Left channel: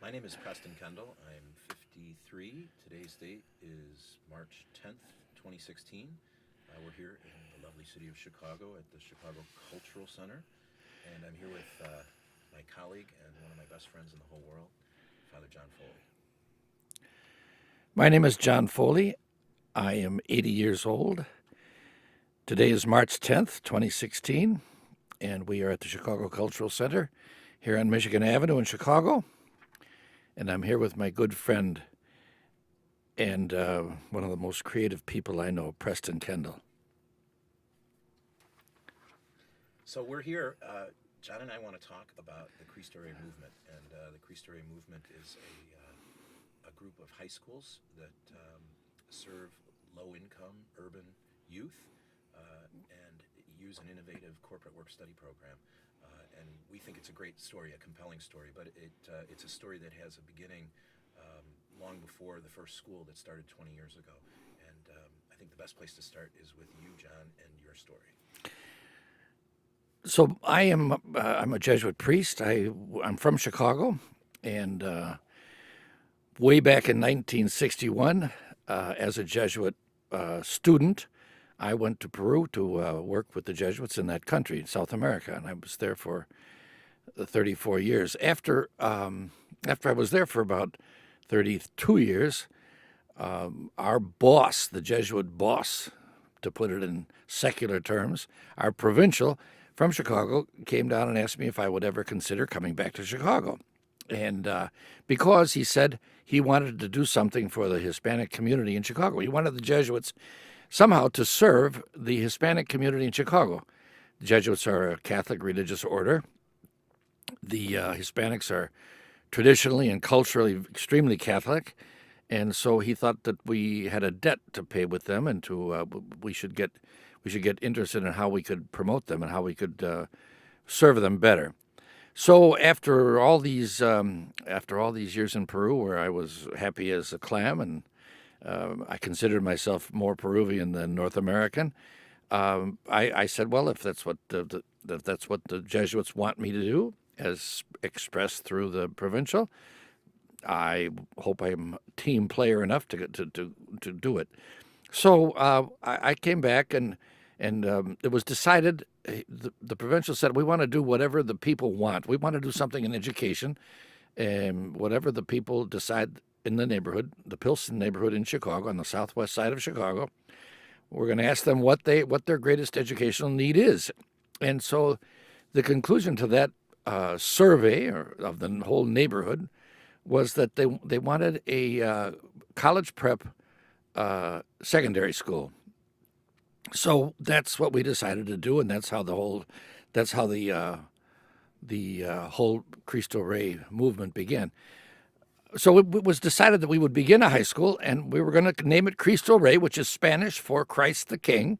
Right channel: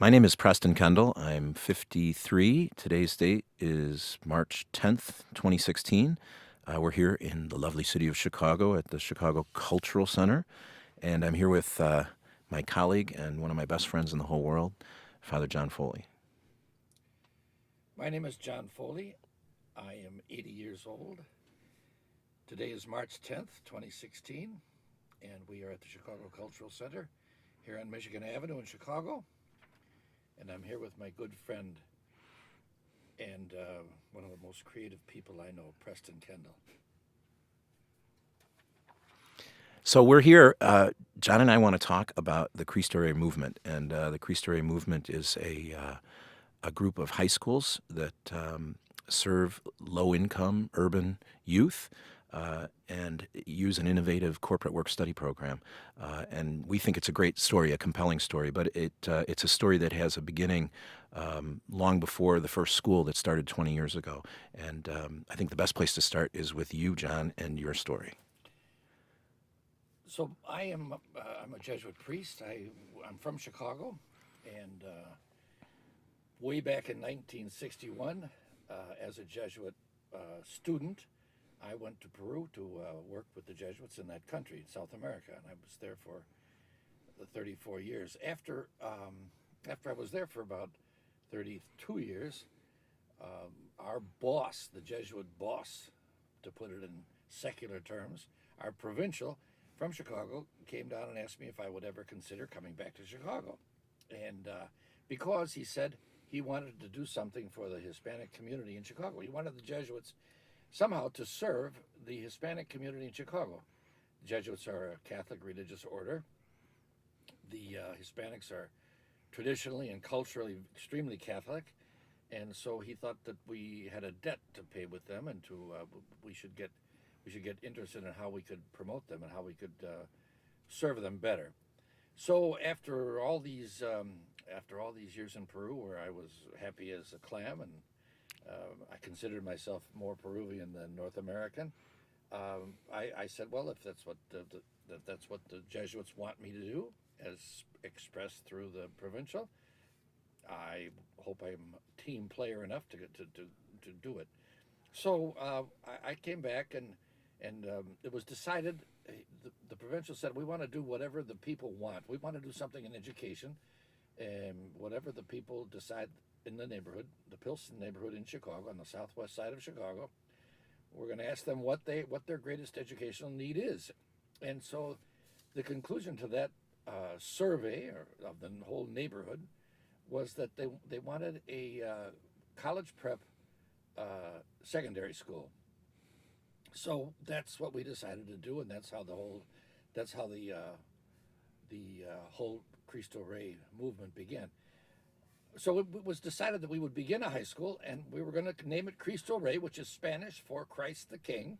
My name is Preston Kendall. I'm 53. Today's date is March 10th, 2016. We're here in the lovely city of Chicago at the Chicago Cultural Center. And I'm here with my colleague and one of my best friends in the whole world, Father John Foley. My name is John Foley. I am 80 years old. Today is March 10th, 2016, and we are at the Chicago Cultural Center here on Michigan Avenue in Chicago. And I'm here with my good friend and one of the most creative people I know, Preston Kendall. So we're here. John and I want to talk about the Cristo Rey movement. And the Cristo Rey movement is a group of high schools that serve low-income urban youth and use an innovative corporate work study program. And we think it's a great story, a compelling story, but it's a story that has a beginning long before the first school that started 20 years ago. And I think the best place to start is with you, John, and your story. So I'm a Jesuit priest. I'm from Chicago, and way back in 1961, as a Jesuit student, I went to Peru to work with the Jesuits in that country, in South America, and I was there for 34 years. After I was there for about 32 years, our boss, the Jesuit boss, to put it in secular terms, our provincial from Chicago, came down and asked me if I would ever consider coming back to Chicago. And because he said he wanted to do something for the Hispanic community in Chicago. He wanted the Jesuits somehow to serve the Hispanic community in Chicago. The Jesuits are a Catholic religious order. The Hispanics are traditionally and culturally extremely Catholic. And so he thought that we had a debt to pay with them, and we should get interested in how we could promote them and how we could serve them better. So after all these years in Peru, where I was happy as a clam, and I considered myself more Peruvian than North American, I said, well, if that's what the Jesuits want me to do, as expressed through the provincial, I hope I'm a team player enough to do it. So I came back, and it was decided. The provincial said, we want to do whatever the people want. We want to do something in education, and whatever the people decide in the neighborhood, the Pilsen neighborhood in Chicago, on the southwest side of Chicago, we're going to ask them what their greatest educational need is. And so the conclusion to that survey of the whole neighborhood was that they wanted a college prep secondary school. So that's what we decided to do, and that's how the whole Cristo Rey movement began. So it was decided that we would begin a high school, and we were going to name it Cristo Rey, which is Spanish for Christ the King,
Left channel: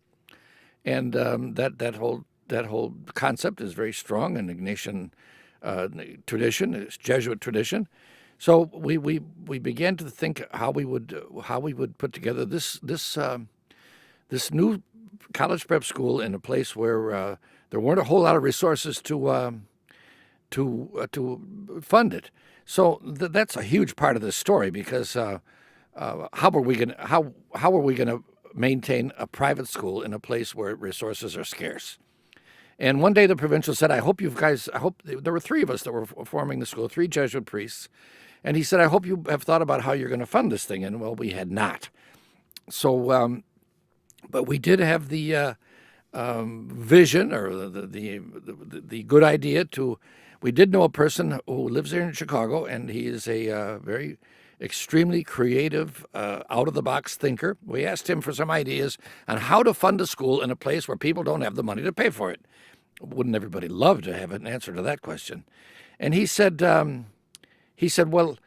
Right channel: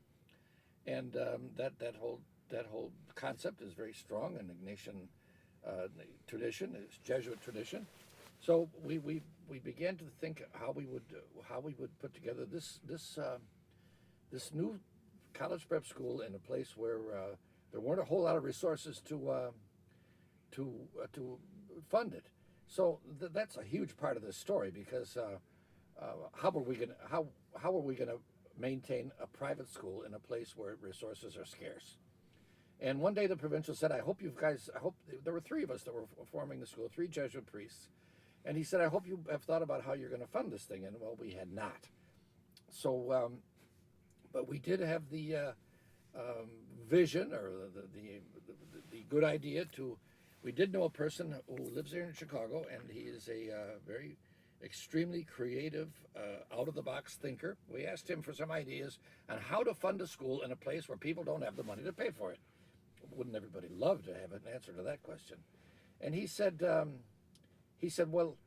and that whole concept is very strong in Ignatian tradition, it's Jesuit tradition. So we began to think how we would put together this new college prep school in a place where there weren't a whole lot of resources to fund it. So that's a huge part of this story, because how are we gonna maintain a private school in a place where resources are scarce? And one day the provincial said, I hope there were three of us that were forming the school, three Jesuit priests. And he said, I hope you have thought about how you're going to fund this thing. And, well, we had not. So, but we did have the vision, or the good idea we did know a person who lives here in Chicago, and he is a very extremely creative, out-of-the-box thinker. We asked him for some ideas on how to fund a school in a place where people don't have the money to pay for it. Wouldn't everybody love to have an answer to that question? And he said, well,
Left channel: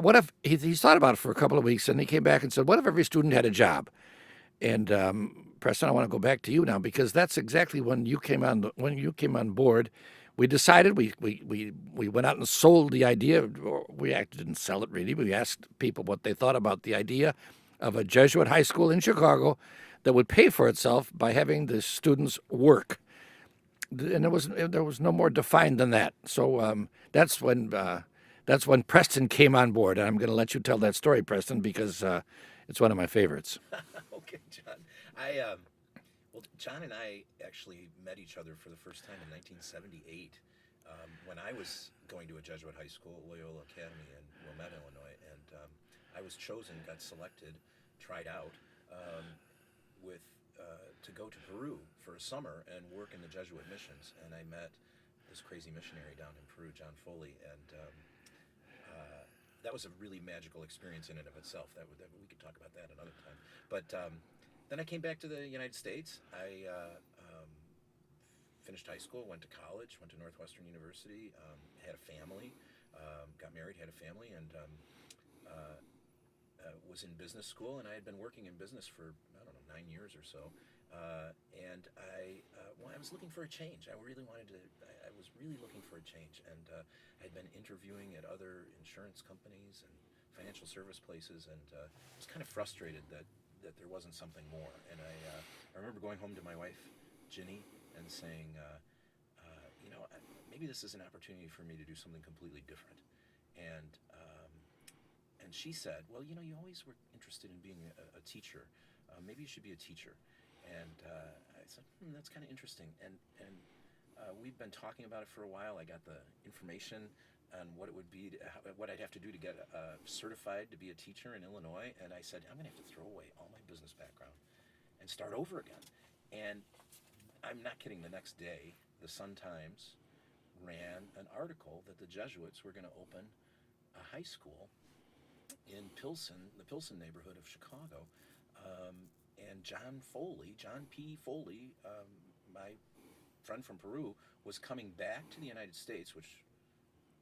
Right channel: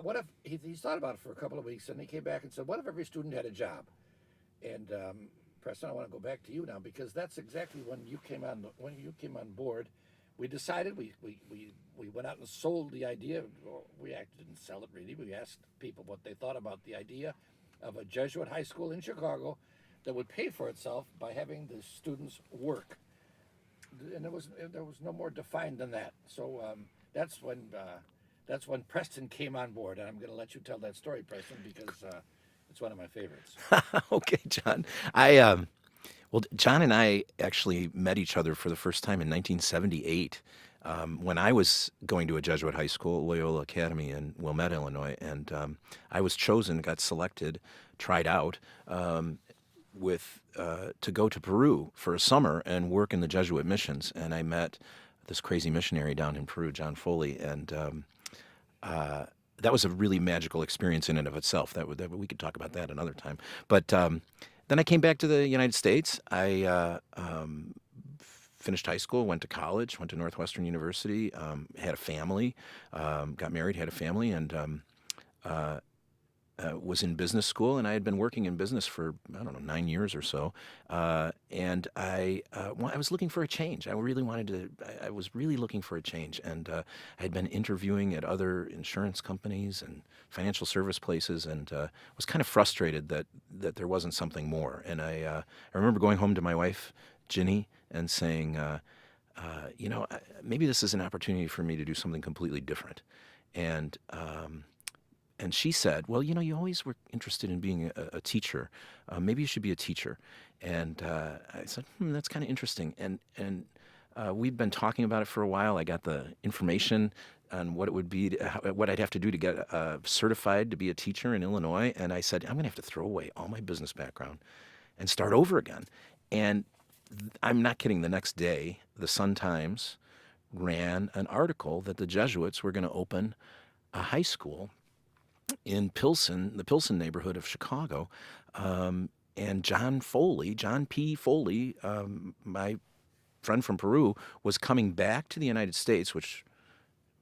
what if, he thought about it for a couple of weeks, and he came back and said, what if every student had a job? And Preston, I want to go back to you now, because that's exactly when you came on board. We decided, we went out and sold the idea. We actually didn't sell it really. We asked people what they thought about the idea of a Jesuit high school in Chicago that would pay for itself by having the students work. And there was no more defined than that. So that's when that's when Preston came on board. And I'm going to let you tell that story, Preston, because it's one of my favorites. Okay, John. Well, John and I actually met each other for the first time in 1978 when I was going to a Jesuit high school, Loyola Academy in Wilmette, Illinois, and I was chosen, got selected, tried out to go to Peru for a summer and work in the Jesuit missions. And I met this crazy missionary down in Peru, John Foley, and that was a really magical experience in and of itself. We could talk about that another time. But then I came back to the United States. I finished high school, went to college, went to Northwestern University, had a family, got married, had a family, and was in business school. And I had been working in business for, 9 years or so. And I was looking for a change. I was really looking for a change. And I had been interviewing at other insurance companies and financial service places, and was kind of frustrated that there wasn't something more. And I remember going home to my wife, Ginny, and saying, maybe this is an opportunity for me to do something completely different. And she said, well, you always were interested in being a teacher. Maybe you should be a teacher. And I said, that's kind of interesting. And we've been talking about it for a while. I got the information on what it would be, what I'd have to do to get certified to be a teacher in Illinois. And I said, I'm going to have to throw away all my business background and start over again. And I'm not kidding. The next day, the Sun-Times ran an article that the Jesuits were going to open a high school in Pilsen, the Pilsen neighborhood of Chicago. And John P. Foley, my friend from Peru, was coming back to the United States, which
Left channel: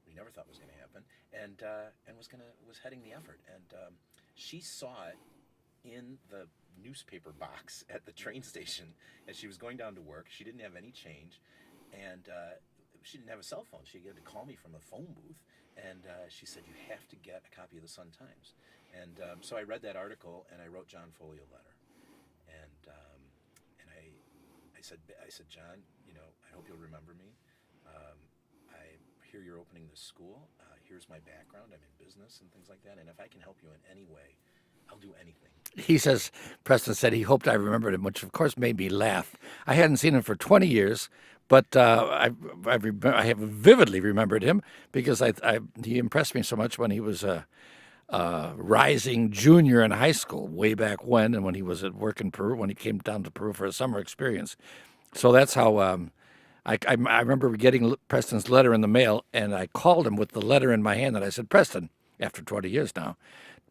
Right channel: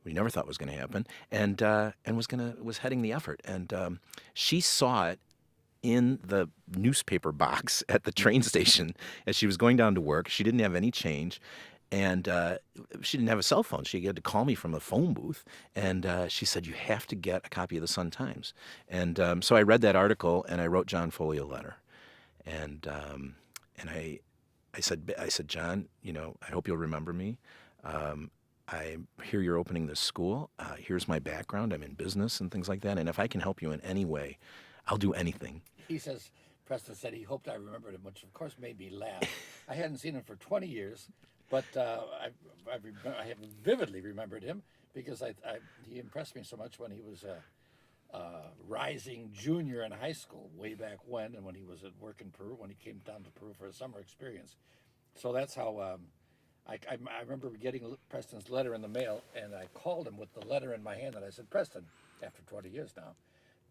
we never thought was going to happen, and was heading the effort. And she saw it in the newspaper box at the train station as she was going down to work. She didn't have any change, and she didn't have a cell phone. She had to call me from the phone booth, and she said, you have to get a copy of the Sun-Times. And so I read that article, and I wrote John Foley a letter. And I said, John, I hope you'll remember me. I hear you're opening this school. Here's my background. I'm in business and things like that. And if I can help you in any way, I'll do anything. He says, Preston said he hoped I remembered him, which of course made me laugh. I hadn't seen him for 20 years, but I have vividly remembered him because he impressed me so much when he was a rising junior in high school way back when, and when he was at work in Peru, when he came down to Peru for a summer experience. So that's how I remember getting Preston's letter in the mail, and I called him with the letter in my hand, and I said, Preston, after 20 years now,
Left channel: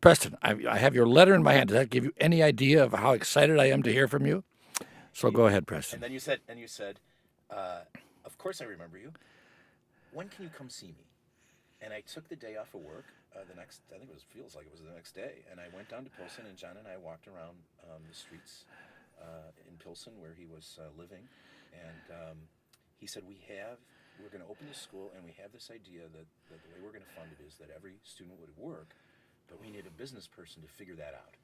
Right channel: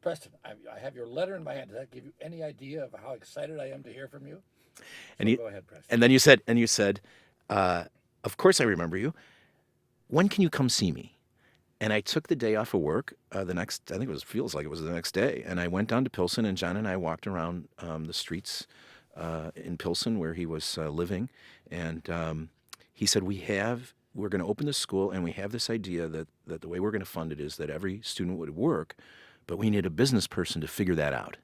Preston, I have your letter in my hand. Does that give you any idea of how excited I am to hear from you? So go ahead, Preston. And then you said, of course I remember you. When can you come see me? And I took the day off of work feels like it was the next day. And I went down to Pilsen, and John and I walked around the streets in Pilsen where he was living. And he said, we're going to open this school, and we have this idea that the way we're going to fund it is that every student would work, but we need a business person to figure that out.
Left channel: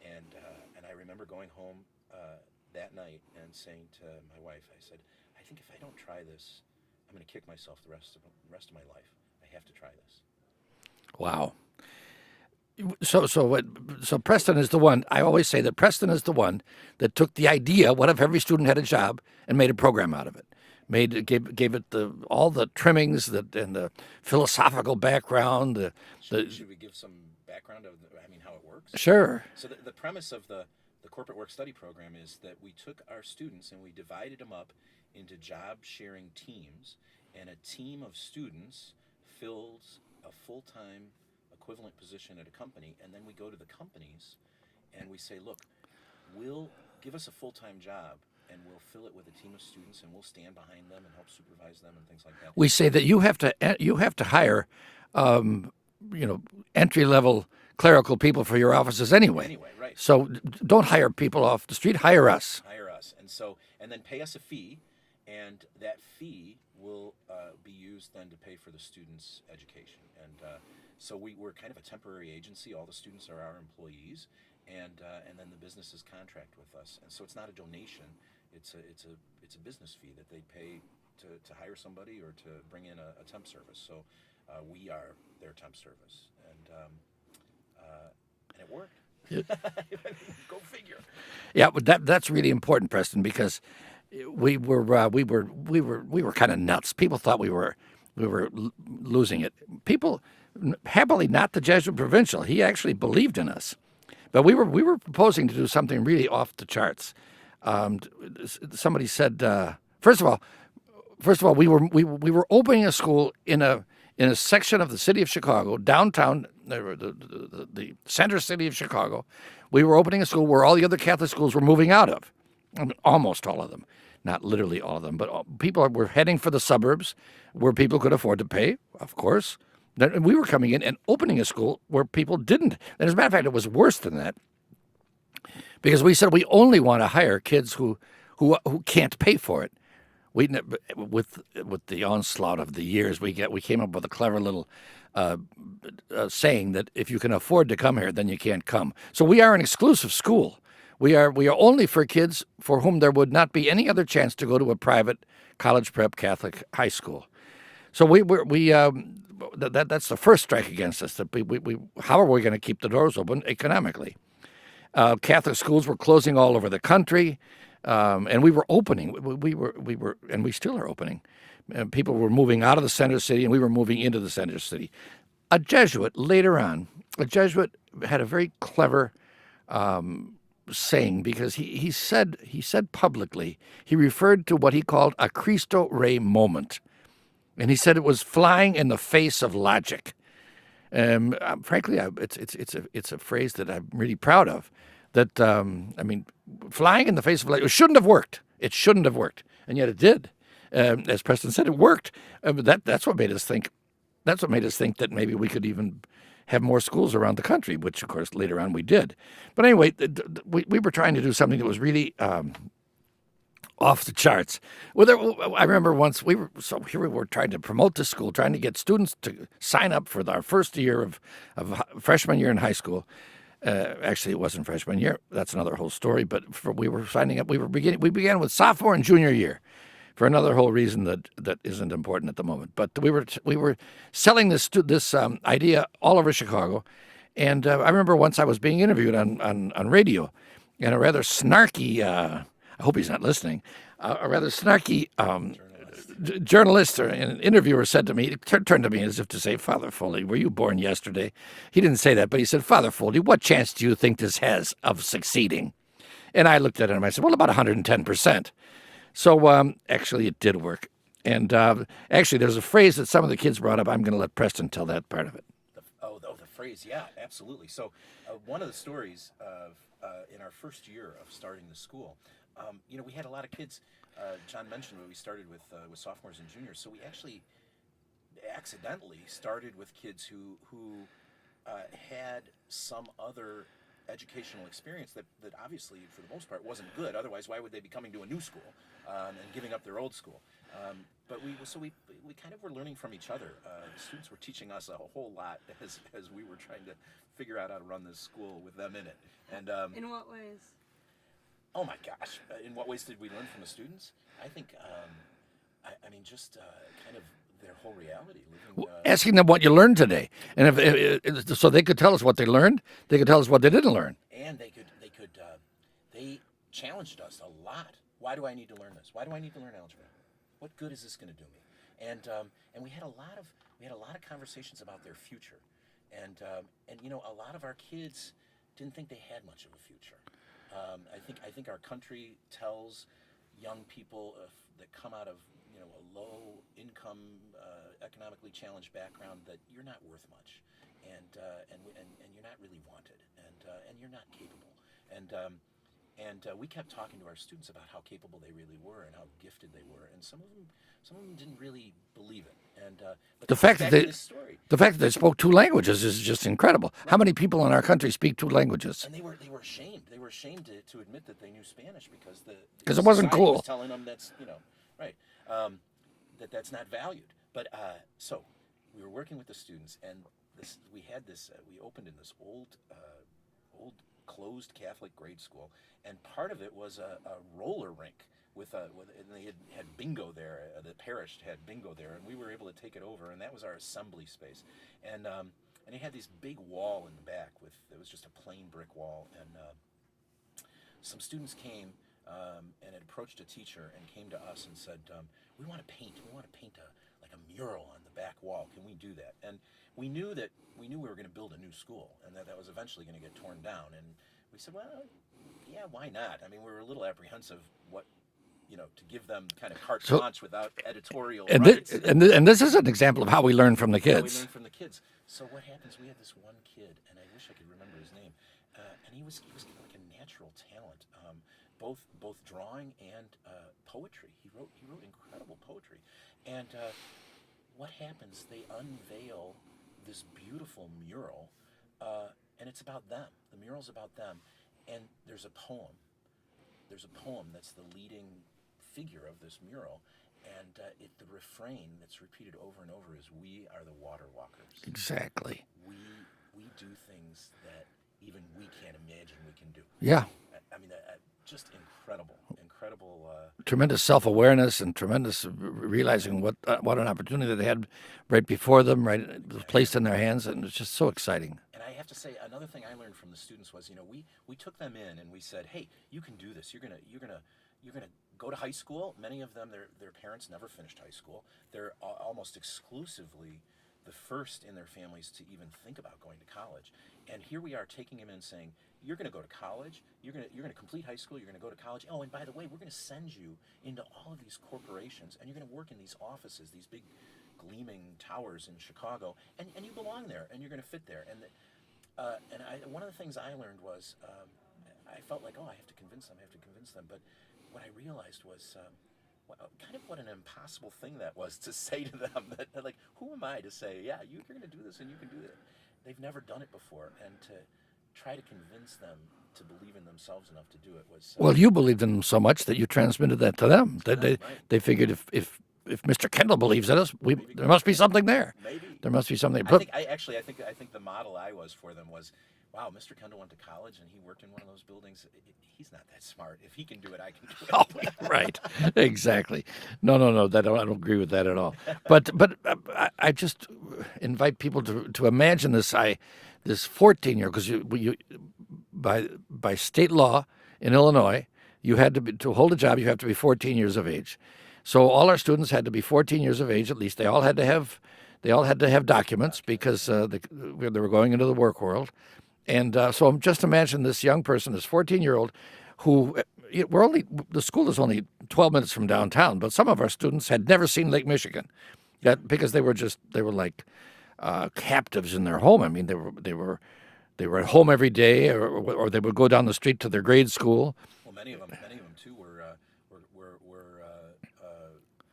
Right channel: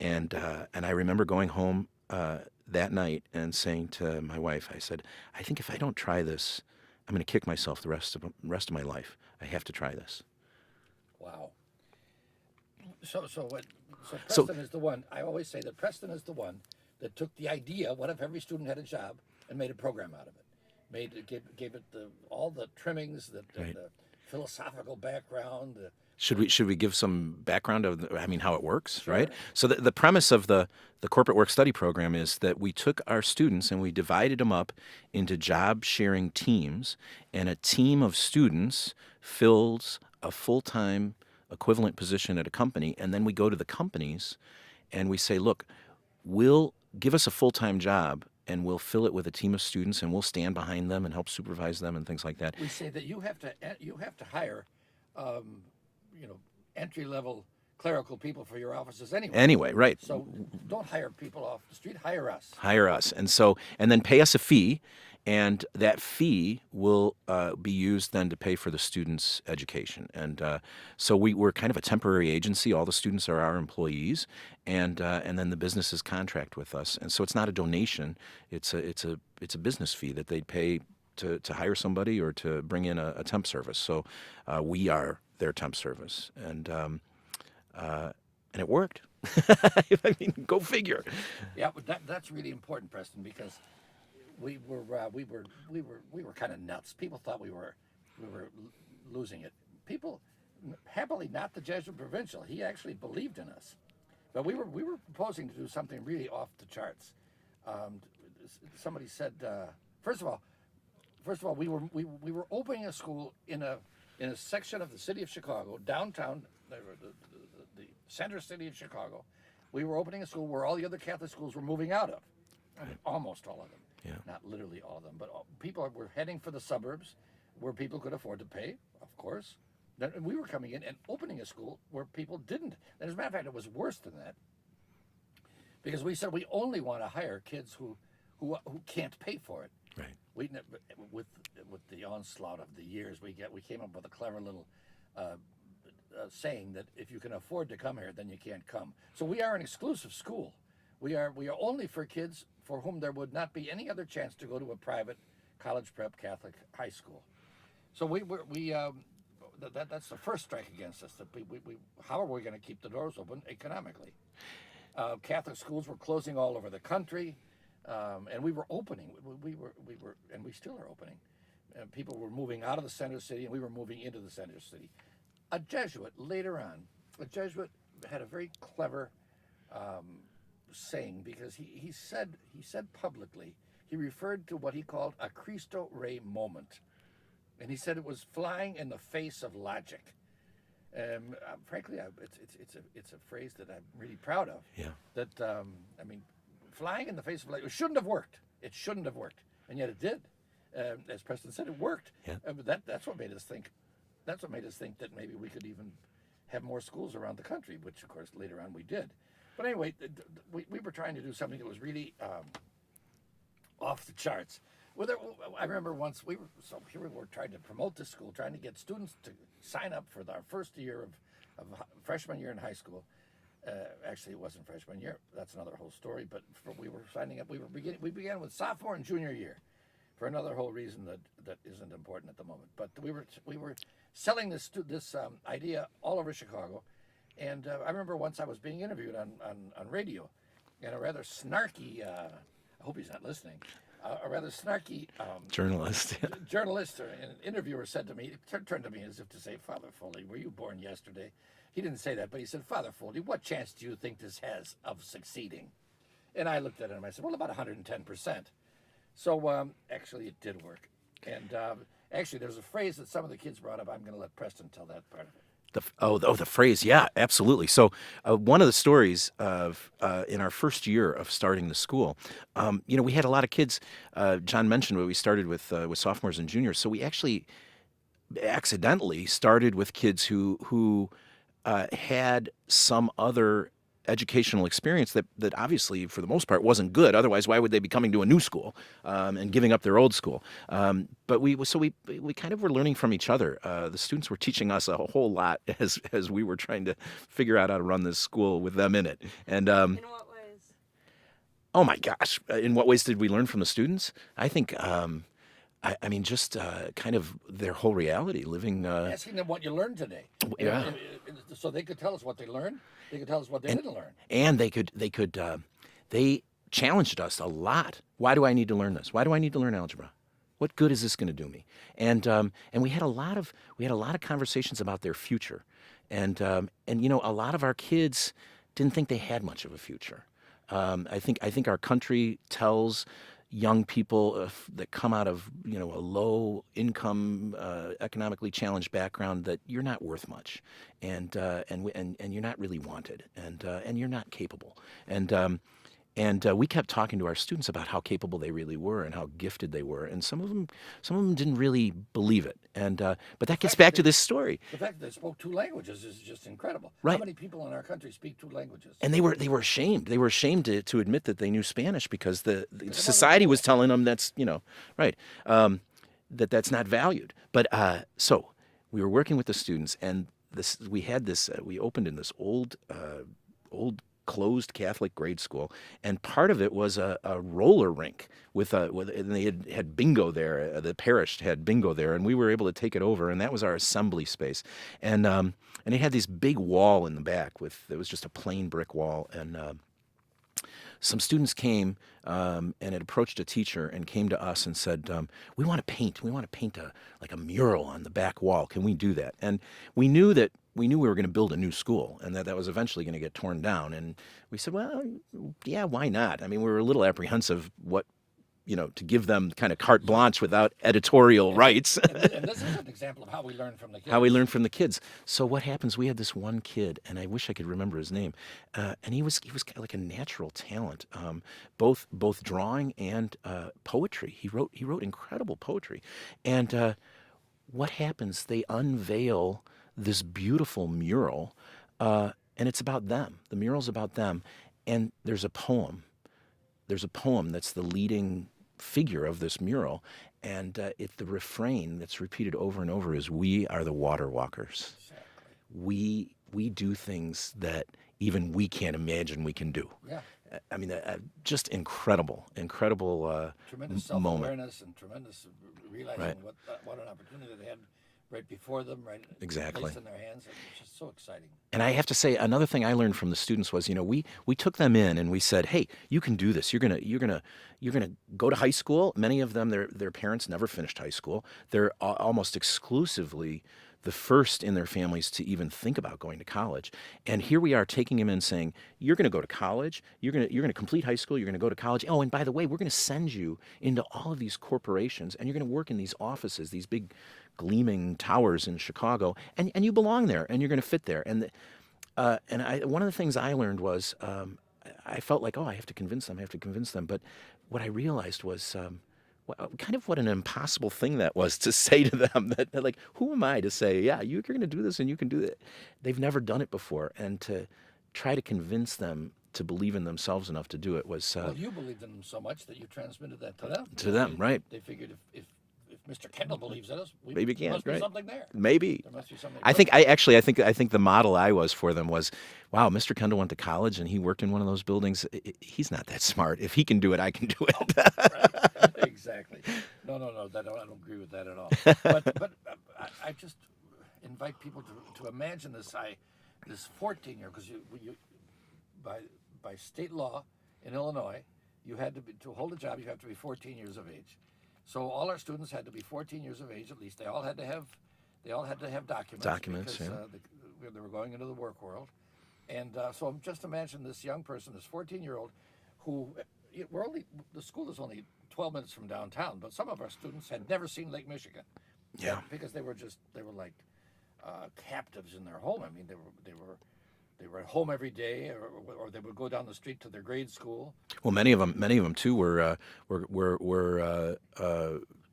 And I remember going home that night and saying to my wife, I said, I think if I don't try this, I'm going to kick myself the rest of my life. I have to try this. Wow. So Preston is the one. I always say that Preston is the one that took the idea, what if every student had a job, and made a program out of it. Gave it all the trimmings and the philosophical background. Should we give some background of how it works? Sure. Right? So the premise of the corporate work study program is that we took our students and we divided them up into job sharing teams, and a team of students fills a full-time equivalent position at a company, and then we go to the companies and we say, look, we'll give us a full-time job, and we'll fill it with a team of students, and we'll stand behind them and help supervise them and things like that. We say that you have to hire, entry-level clerical people for your offices anyway. Anyway, right. So don't hire people off the street. Hire us. Hire us, and then pay us a fee, and that fee will be used then to pay for the students' education. And so we're kind of a temporary agency. All the students are our employees, and then the businesses contract with us. And so it's not a donation; it's a business fee that they'd pay to hire somebody or to bring in a temp service. So we are their temp service, and it worked. I mean, go figure. Yeah, but that's really important, Preston, because we were kind of nuts. People thought we were losing it. People, happily not the Jesuit provincial. He actually believed in us, but we were proposing to do something really off the charts. Somebody said, first of all, we were opening a school in a section of the city of Chicago, downtown, the center city of Chicago. We were opening a school where all the other Catholic schools were moving out of. I mean, almost all of them, not literally all of them, but people were heading for the suburbs where people could afford to pay, of course. Then we were coming in and opening a school where people didn't. And as a matter of fact, it was worse than that, because we said we only want to hire kids who can't pay for it. We, with the onslaught of the years, we came up with a clever little saying that if you can afford to come here, then you can't come. So we are an exclusive school. We are only for kids for whom there would not be any other chance to go to a private college prep Catholic high school. So that's the first strike against us. That how are we going to keep the doors open economically? Catholic schools were closing all over the country. And we were opening. We were, and we still are opening. People were moving out of the center city, and we were moving into the center city. A Jesuit had a very clever saying, because he said publicly, he referred to what he called a Cristo Rey moment, and he said it was flying in the face of logic. Frankly, it's a phrase that I'm really proud of. Yeah. That I mean, flying in the face of light. It shouldn't have worked. It shouldn't have worked, and yet it did. As Preston said, it worked. Yeah. That's what made us think. That's what made us think that maybe we could even have more schools around the country, which of course later on we did. But anyway, we were trying to do something that was really off the charts. I remember once here we were trying to promote this school, trying to get students to sign up for our first year of freshman year in high school. Actually, it wasn't freshman year. That's another whole story. But we were signing up. We began with sophomore and junior year, for another whole reason that isn't important at the moment. But we were selling this idea all over Chicago, and I remember once I was being interviewed on radio, and a rather snarky. I hope he's not listening. A rather snarky journalist or an interviewer said to me, turned to me as if to say, "Father Foley, were you born yesterday?" He didn't say that, but he said, "Father Foley, what chance do you think this has of succeeding?" And I looked at him and I said, "Well, about 110%. So actually, it did work. And actually, there's a phrase that some of the kids brought up. I'm going to let Preston tell that part of it. The phrase, yeah, absolutely. So one of the stories of in our first year of starting the school, we had a lot of kids. John mentioned we started with sophomores and juniors. So we actually accidentally started with kids who had some other educational experience that obviously, for the most part, wasn't good. Otherwise, why would they be coming to a new school and giving up their old school? But we kind of were learning from each other. The students were teaching us a whole lot as we were trying to figure out how to run this school with them in it. And in what ways? Oh my gosh! In what ways did we learn from the students? I think. I mean, just kind of their whole reality, living. Asking them what you learned today, and if so they could tell us what they learned. They could tell us what they didn't learn, and they challenged us a lot. Why do I need to learn this? Why do I need to learn algebra? What good is this going to do me? And we had a lot of conversations about their future, and a lot of our kids didn't think they had much of a future. I think our country tells young people that come out of a low income, economically challenged background that you're not worth much, and you're not really wanted, and you're not capable, and we kept talking to our students about how capable they really were and how gifted they were, and some of them didn't really believe it, but that gets back to this story. The fact that they spoke 2 languages is just incredible. Right. How many people in our country speak 2 languages? And they were ashamed. They were ashamed to admit that they knew Spanish because the society was telling them that's right, that's not valued. But so we were working with the students, and we opened in this old closed Catholic grade school, and part of it was a roller rink and they had bingo there. The parish had bingo there, and we were able to take it over, and that was our assembly space. And it had this big wall in the back it was just a plain brick wall, and some students came and had approached a teacher and came to us and said, we want to paint a mural on the back wall. Can we do that? And we knew we were going to build a new school, and that was eventually going to get torn down. And we said, well, yeah, why not? I mean, we were a little apprehensive to give them kind of carte blanche without editorial rights. And this is an example of how we learn from the kids. How we learn from the kids. So what happens? We had this one kid, and I wish I could remember his name. And he was kind of like a natural talent, both drawing and poetry. He wrote incredible poetry. And what happens? They unveil this beautiful mural, and it's about them. The mural's about them, and there's a poem. There's a poem that's the leading figure of this mural, and the refrain that's repeated over and over is, "We are the water walkers." Exactly. We do things that even we can't imagine we can do. Yeah. I mean, just incredible. Tremendous self-awareness and tremendous realizing what an opportunity they had right before them, right? Exactly. Placed in their hands, and it's just so exciting. And I have to say, another thing I learned from the students was, we took them in and we said, hey, you can do this. You're gonna go to high school. Many of them, their parents never finished high school. They're almost exclusively the first in their families to even think about going to college. And here we are taking them in saying, you're going to go to college, you're going to complete high school, you're going to go to college. Oh, and by the way, we're going to send you into all of these corporations, and you're going to work in these offices, these big gleaming towers in Chicago, and you belong there, and you're going to fit there. And one of the things I learned was I felt like, I have to convince them. But what I realized was kind of what an impossible thing that was to say to them. That like, who am I to say, yeah, you're going to do this and you can do that? They've never done it before, and to try to convince them to believe in themselves enough to do it was. Well, you believed in them so much that you transmitted that to them. Right? They figured if Mr. Kendall believes in us, there must be something there. Maybe there must be something. I think the model I was for them was, wow, Mr. Kendall went to college and he worked in one of those buildings. He's not that smart. If he can do it, I can do it. Right. Exactly. No. I don't agree with that at all. But I just invite people to imagine this 14-year, because you by state law in Illinois, you had to hold a job, you have to be 14 years of age. So all our students had to be 14 years of age at least. They all had to have documents because they were going into the work world. And so just imagine this young person, this 14-year-old, who the school is only 12 minutes from downtown, but some of our students had never seen Lake Michigan, because they were like captives in their home. I mean, they were at home every day, or they would go down the street to their grade school. Well, many of them too were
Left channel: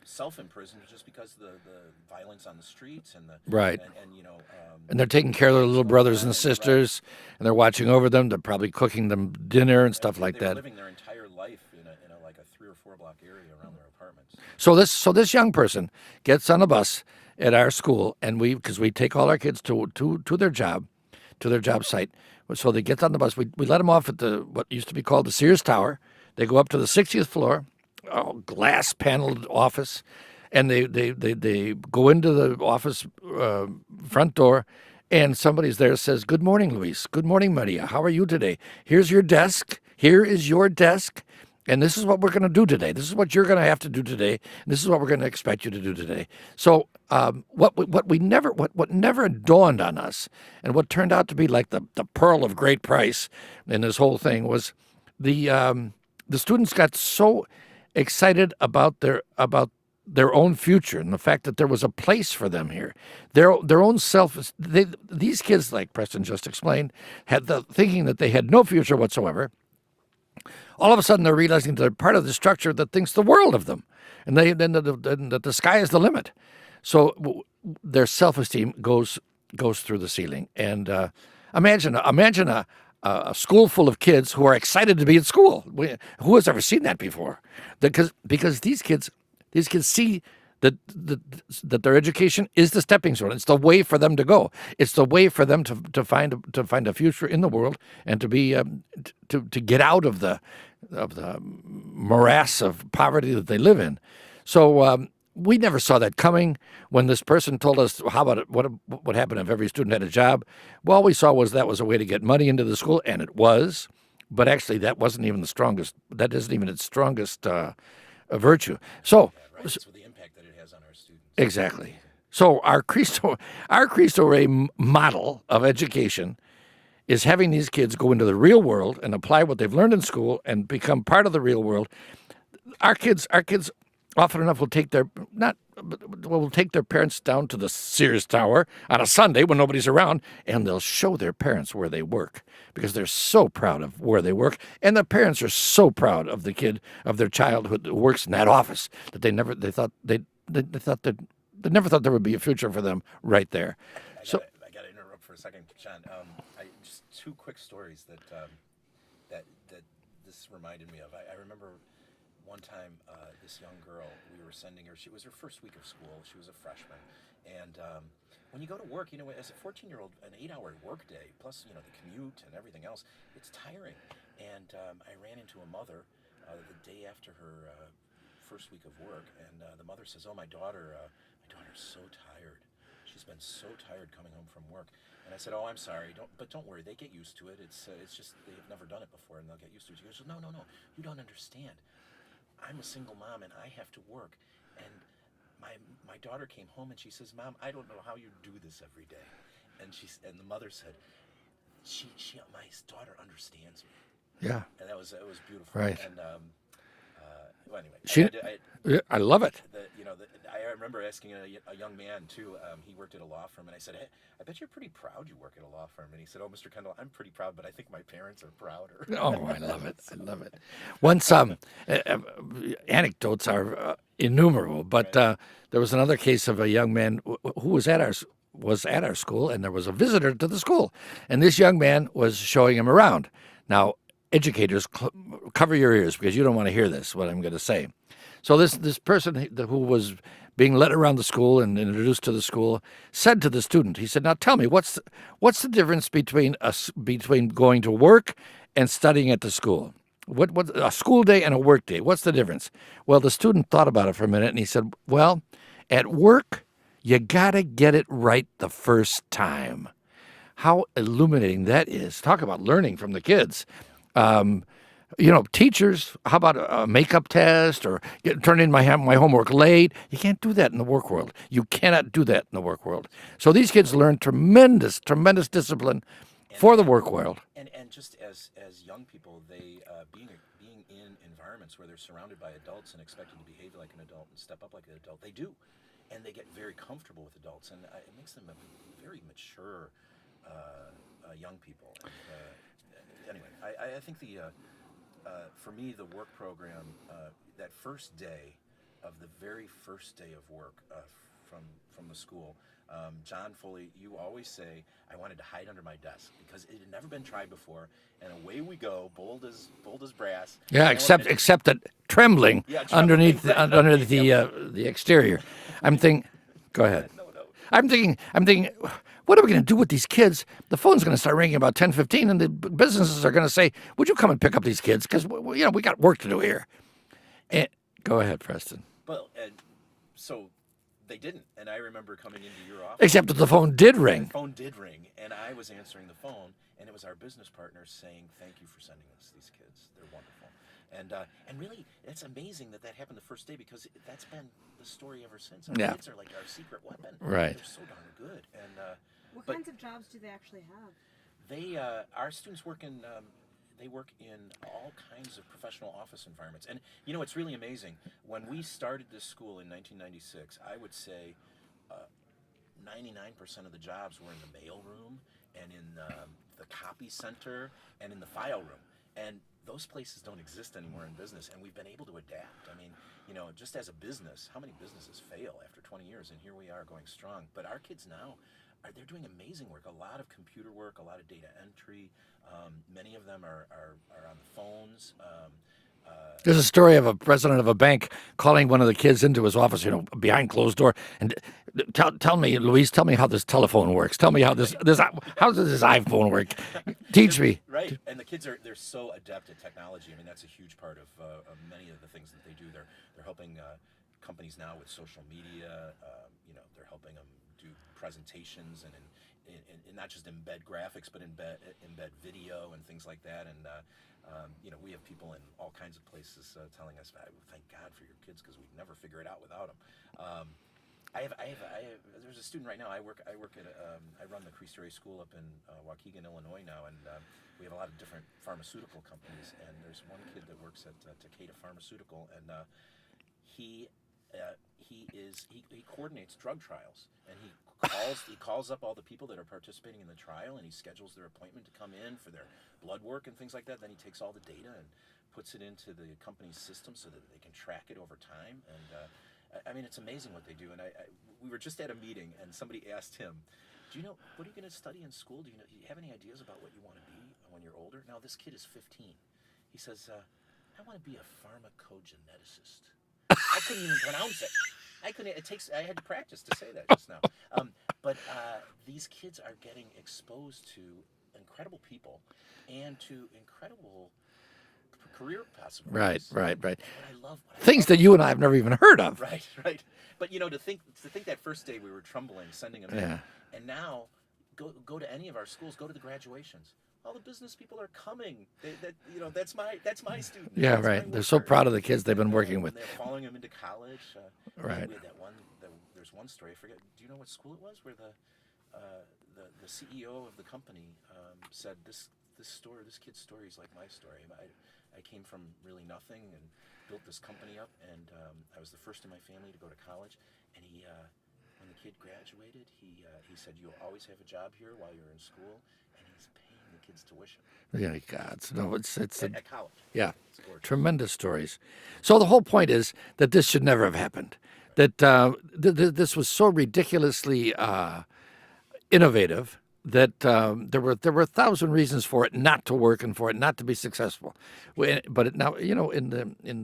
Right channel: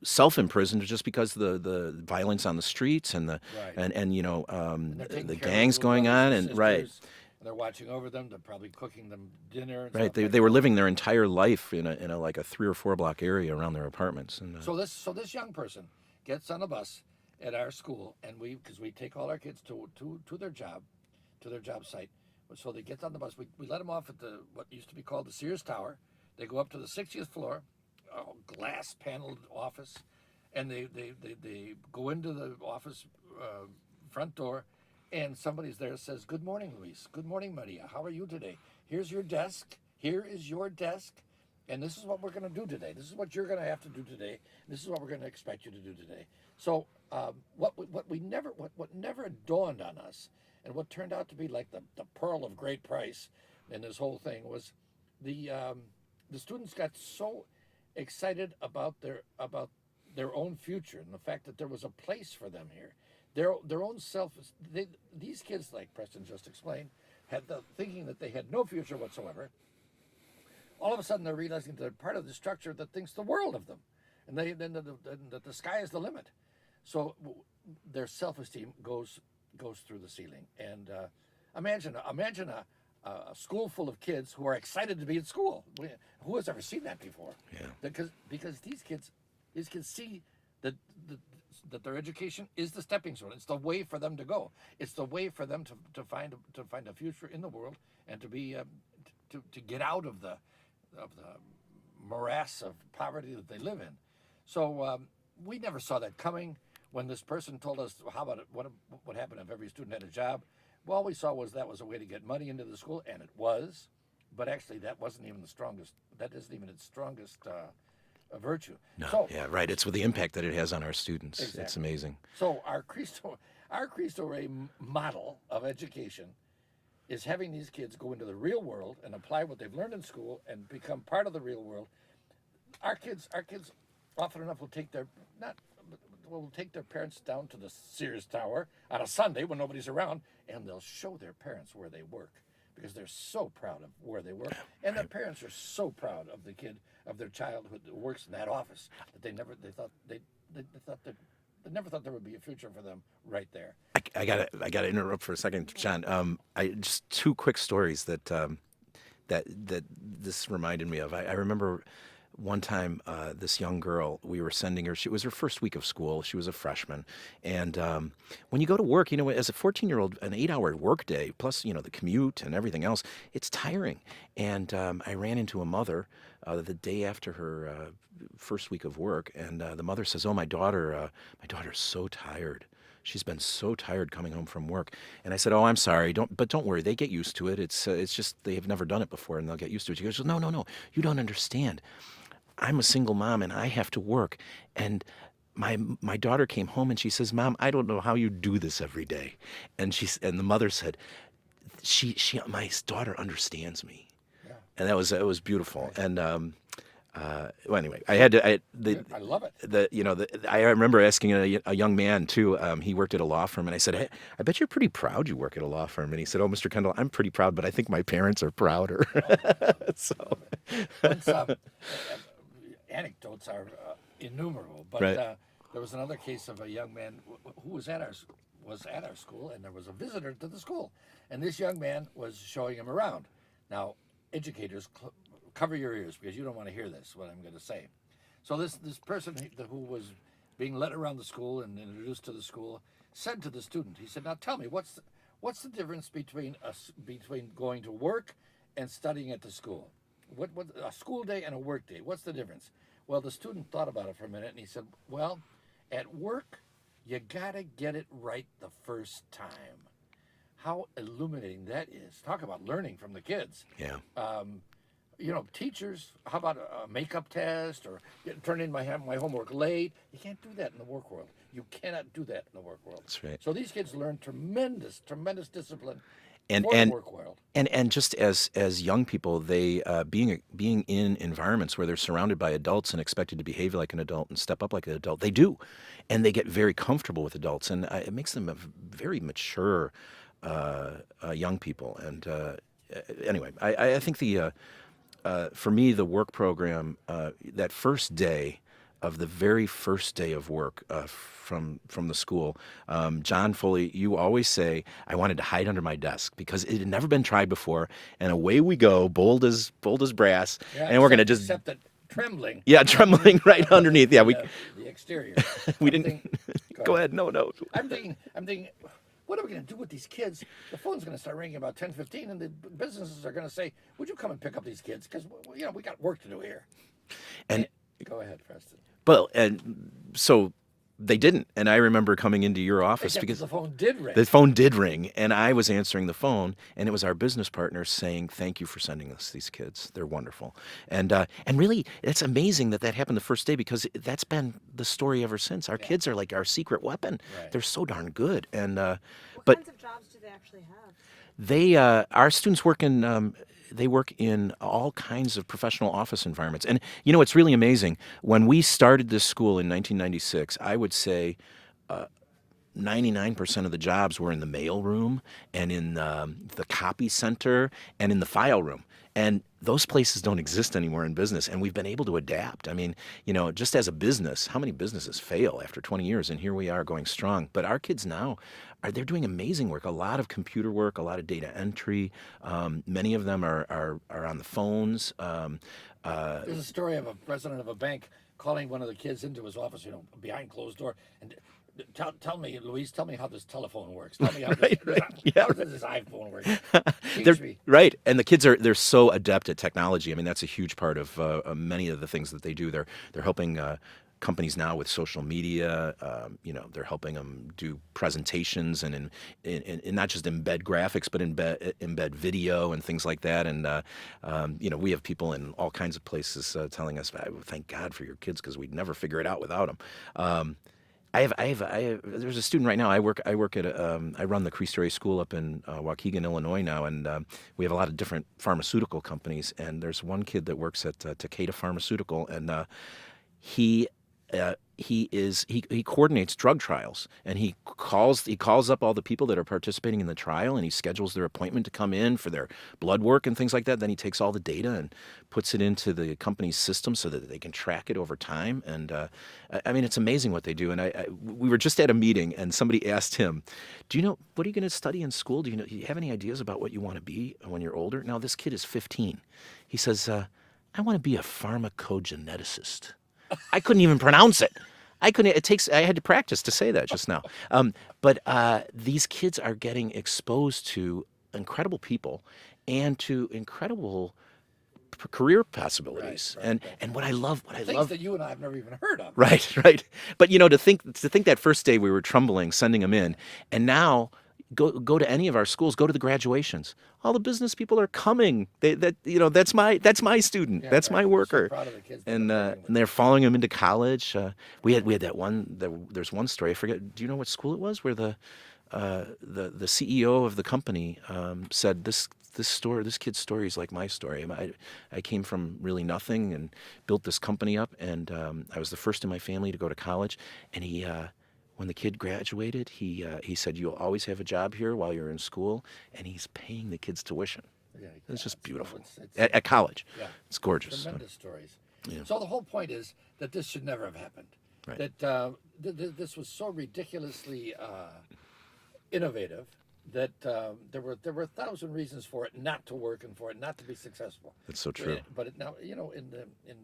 self-imprisoned just because the violence on the streets and and they're taking care of their little brothers and sisters, and they're watching over them. They're probably cooking them dinner and stuff like that. They were living their entire life in a 3 or 4 block area around their apartments. So this young person gets on a bus at our school, and because we take all our kids to their job site. So they get on the bus. We let them off at what used to be called the Sears Tower. They go up to the 60th floor, glass paneled office, and they go into the office front door, and somebody's there says, "Good morning, Luis. Good morning, Maria. How are you today? Here's your desk. Here is your desk. And this is what we're going to do today. This is what you're going to have to do today. And this is what we're going to expect you to do today." So what never dawned on us, and what turned out to be like the pearl of great price in this whole thing, was the students got so excited about their own future and the fact that there was a place for them here. Their own these kids, like Preston just explained, had the thinking that they had no future whatsoever. All of a sudden, they're realizing they're part of the structure that thinks the world of them, and that the sky is the limit. So their self-esteem goes through the ceiling. And imagine a school full of kids who are excited to be at school. Who has ever seen that before? Because these kids see that their education is the stepping stone. It's the way for them to go. It's the way for them to find a future in the world and to be to get out of the morass of poverty that they live in. So we never saw that coming. When this person told us, how about it, what would happen if every student had a job? Well, all we saw was that was a way to get money into the school, and it was. But actually, that wasn't even the strongest. That isn't even its strongest virtue. No, So yeah, right. It's with the impact that it has on our students. exactly. It's amazing. So our Cristo Rey model of education is having these kids go into the real world and apply what they've learned in school and become part of the real world. Our kids often enough will take their parents down to the Sears Tower on a Sunday when nobody's around, and they'll show their parents where they work because they're so proud of where they work, and the parents are so proud of their child who works in that office that they never thought there would be a future for them right there. I gotta interrupt for a second, John. I just two quick stories that this reminded me of. I remember one time this young girl, we were sending her. It was her first week of school. She was a freshman, and when you go to work, as a 14-year-old, an 8-hour workday plus the commute and everything else, it's tiring. And I ran into a mother the day after her first week of work, and the mother says, "Oh, my daughter's so tired. She's been so tired coming home from work." And I said, "Oh, I'm sorry. Don't worry. They get used to it. It's just they have never done it before, and they'll get used to it." She goes, "No. You don't understand. I'm a single mom, and I have to work. And my daughter came home, and she says, 'Mom, I don't know how you do this every day.'" And the mother said, my daughter understands me." Yeah, And it was beautiful. Right. And well, anyway, I love it. I remember asking a young man too. He worked at a law firm, and I said, "Hey, I bet you're pretty proud you work at a law firm." And he said, "Oh, Mr. Kendall, I'm pretty proud, but I think my parents are prouder." Oh, I love it. I love it. Once, anecdotes are innumerable, but Right. there was another case of a young man who was at our school, and there was a visitor to the school, and this young man was showing him around. Now, educators, cover your ears because you don't want to hear this, what I'm going to say. So this person who was being led around the school and introduced to the school said to the student, he said, "Now tell me, what's the difference between going to work and studying at the school? What a school day and a work day? What's the difference?" Well, the student thought about it for a minute, and he said, "Well, at work, you got to get it right the first time." How illuminating that is. Talk about learning from the kids. Yeah. Teachers, how about a makeup test or turn in my homework late? You can't do that in the work world. You cannot do that in the work world. That's right. So these kids learn tremendous discipline for the work world. And just as young people, they being in environments where they're surrounded by adults and expected to behave like an adult and step up like an adult, they do, and they get very comfortable with adults, and it makes them a very mature young people. And anyway, I think for me, the work program, that first day of the very first day of work from the school, John Foley, you always say, "I wanted to hide under my desk," because it had never been tried before, and away we go, bold as brass. Yeah, and except that trembling. Yeah, trembling right underneath. The exterior. I'm thinking. Go ahead. No. I'm thinking. What are we going to do with these kids? The phone's going to start ringing about 10:15, and the businesses are going to say, "Would you come and pick up these kids? Because we got work to do here." And go ahead, Preston. Well, and so they didn't. And I remember coming into your office. Except that the phone did ring. The phone did ring, and I was answering the phone, and it was our business partner saying, "Thank you for sending us these kids. They're wonderful." And really, it's amazing that happened the first day, because that's been the story ever since. Our kids are like our secret weapon. Right. They're so darn good. And What kinds of jobs do they actually have? our students work in. They work in all kinds of professional office environments. And, it's really amazing. When we started this school in 1996, I would say 99% of the jobs were in the mail room and in the copy center and in the file room. And those places don't exist anymore in business, and we've been able to adapt. I mean, just as a business, how many businesses fail after 20 years? And here we are going strong. But our kids now, they're doing amazing work, a lot of computer work, a lot of data entry. Many of them are on the phones. There's a story of a president of a bank calling one of the kids into his office, behind closed door, and tell me, Louise, tell me how this telephone works. Tell me how how does this iPhone work? Teach me. Right, and the kids they're so adept at technology. I mean, that's a huge part of many of the things that they do. They're helping companies now with social media. They're helping them do presentations and not just embed graphics, but embed video and things like that. And we have people in all kinds of places telling us, "Thank God for your kids, because we'd never figure it out without them." There's a student right now. I work at I run the Cristo Rey School up in Waukegan, Illinois now, and we have a lot of different pharmaceutical companies. And there's one kid that works at Takeda Pharmaceutical, and he coordinates drug trials, and he calls up all the people that are participating in the trial, and he schedules their appointment to come in for their blood work and things like that. Then he takes all the data and puts it into the company's system so that they can track it over time. And I mean, it's amazing what they do. And we were just at a meeting, and somebody asked him, "Do you know what are you going to study in school? Do you have any ideas about what you want to be when you're older?" Now, this kid is 15. He says, "I want to be a pharmacogeneticist." I couldn't even pronounce it. I had to practice to say that just now. But these kids are getting exposed to incredible people and to incredible career possibilities. Right. And what I love, Things that you and I have never even heard of. Right. But to think that first day we were trembling sending them in, and now go to any of our schools, go to the graduations. All the business people are coming. That's my student. Yeah, that's right. my worker. They're so proud of the kids they've been working with. And they're following them into college. We had that one. There's one story. I forget. Do you know what school it was? Where the CEO of the company said this kid's story is like my story. I came from really nothing and built this company up, and I was the first in my family to go to college. And he. When the kid graduated, he said, "You'll always have a job here while you're in school," and he's paying the kids tuition. Yeah, it's just no, beautiful. it's At college. Yeah, it's gorgeous. Tremendous stories. Yeah. So the whole point is that this should never have happened. Right. That this was so ridiculously innovative that there were 1,000 reasons for it not to work and for it not to be successful. It's so true. But now, in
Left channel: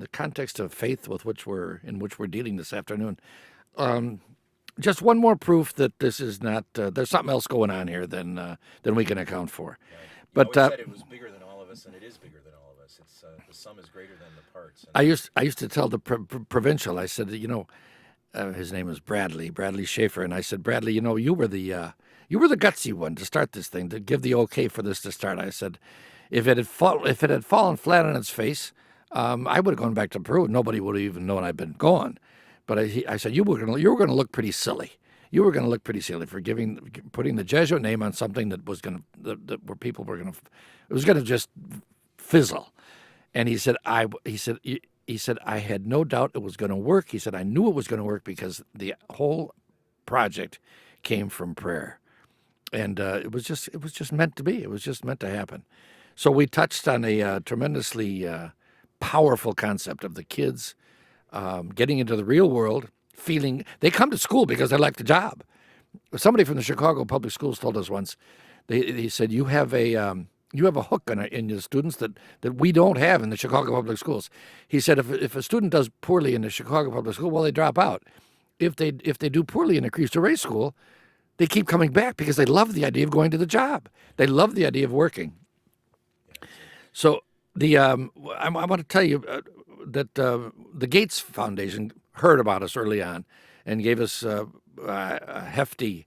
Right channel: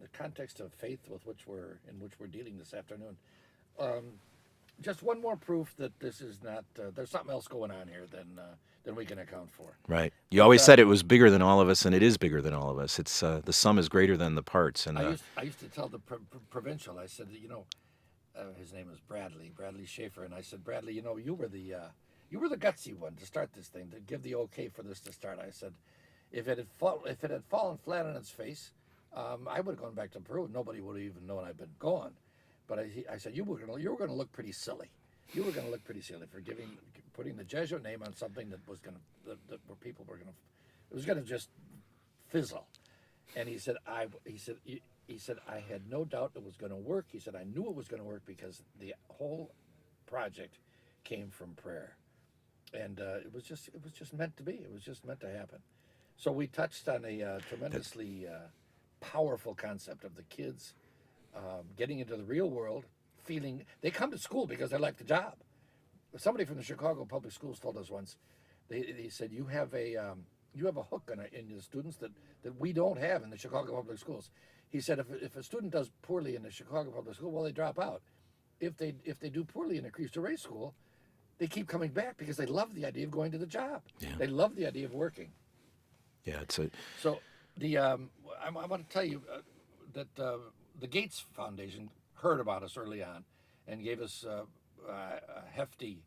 the context of faith with which we're dealing this afternoon. Just one more proof that this is not. There's something else going on here than we can account for. Right. You always said it was bigger than all of us, and it is bigger than all of us. It's the sum is greater than the parts. And I used to tell the provincial. I said, his name was Bradley Schaefer, and I said, Bradley, you were the gutsy one to start this thing, to give the okay for this to start. I said, if it had fallen flat on its face, I would have gone back to Peru. Nobody would have even known I'd been gone. But I said you were going to look pretty silly. You were going to look pretty silly for putting the Jesuit name on something that was going to where people were going to it was going to just fizzle. And he said I had no doubt it was going to work. He said I knew it was going to work because the whole project came from prayer, and it was just meant to be. It was just meant to happen. So we touched on a tremendously powerful concept of the kids. Getting into the real world, feeling they come to school because they like the job. Somebody from the Chicago Public Schools told us once. They said you have a hook in your students that we don't have in the Chicago Public Schools. He said if a student does poorly in the Chicago Public School, well, they drop out. If they do poorly in a Cristo Rey school, they keep coming back because they love the idea of going to the job. Yeah. They love the idea of working. Yeah, So I want to tell you. That the Gates Foundation heard about us early on and gave us a hefty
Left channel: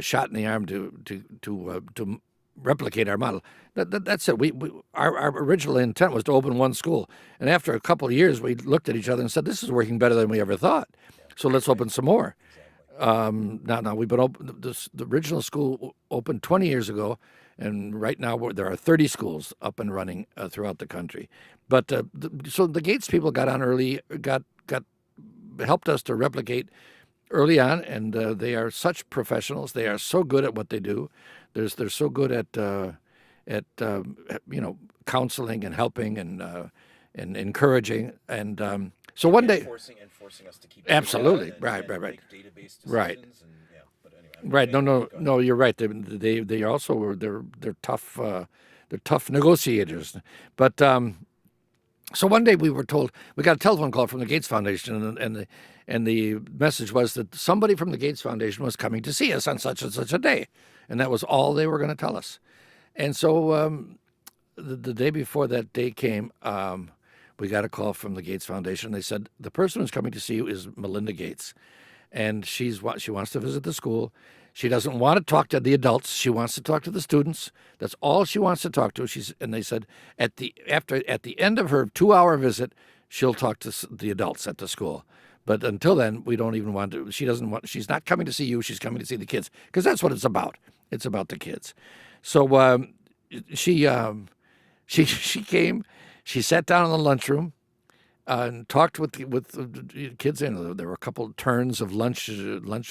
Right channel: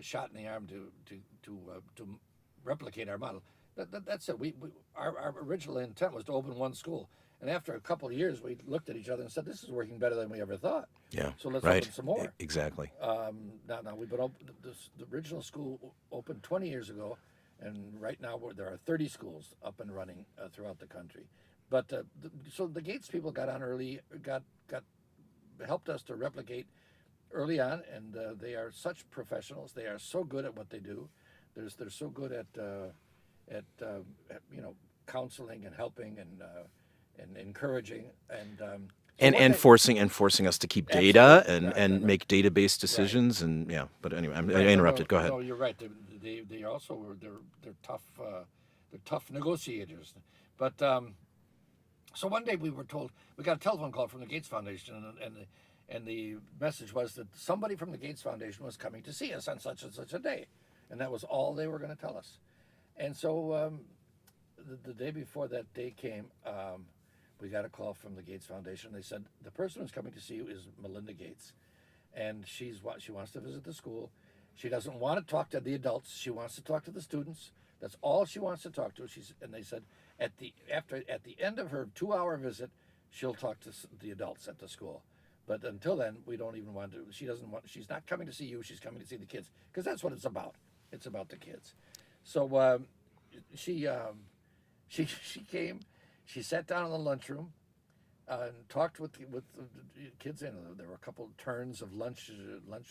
shot in the arm to replicate our model. That's it. Our original intent was to open one school, and after a couple of years, we looked at each other and said, "This is working better than we ever thought." Yeah. So let's open some more. Exactly. Now we've been open. The original school opened 20 years ago. And right now there are 30 schools up and running throughout the country. But so the Gates people got on early, helped us to replicate early on, and they are such professionals. They are so good at what they do. They're so good at counseling and helping and encouraging and. So forcing us to keep data and make database decisions and But anyway, Go ahead. No, you're right. They also they're tough. They're tough negotiators. But So one day we were told we got a telephone call from the Gates Foundation, and the message was that somebody from the Gates Foundation was coming to see us on such and such a day, and that was all they were going to tell us. And so the day before that day came, we got a call from the Gates Foundation. They said the person who's coming to see you is Melinda Gates, and she wants to visit the school. She doesn't want to talk to the adults. She wants to talk to the students. That's all she wants to talk to. And they said at the end of her 2-hour visit, she'll talk to the adults at the school. But until then, we don't even want to. She's not coming to see you. She's coming to see the kids, because that's what it's about. It's about the kids. So she came. She sat down in the lunchroom and talked with the kids. There were a couple of turns of lunch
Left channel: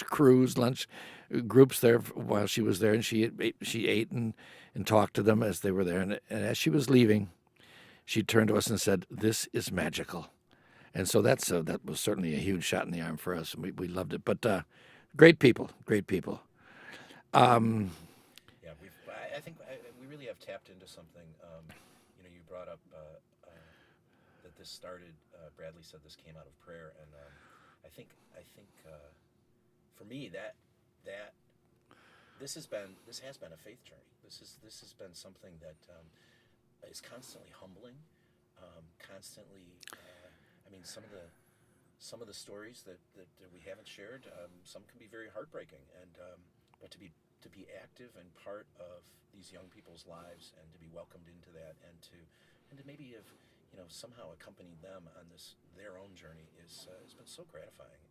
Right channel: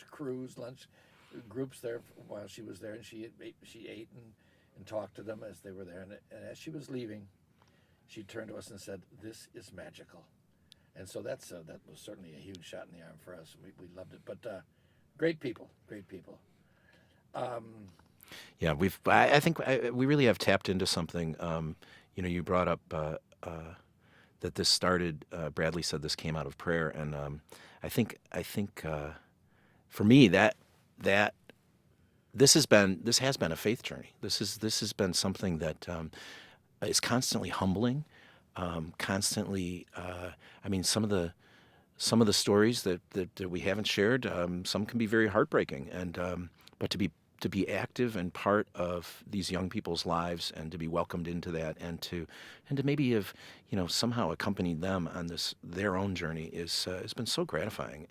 crews, lunch groups there while she was there, and she ate and talked to them as they were there. And as she was leaving, she turned to us and said, "This is magical." And so that was certainly a huge shot in the arm for us, and we loved it. But great people. Yeah, I think we really have tapped into something. You brought up that this started. Bradley said this came out of prayer, and I think for me that this has been a faith journey. This has been something that is constantly humbling, constantly. Some of the stories that we haven't shared, some can be very heartbreaking, and but to be active and part of these young people's lives, and to be welcomed into that, and to maybe have somehow accompanied them on their own journey has been so gratifying,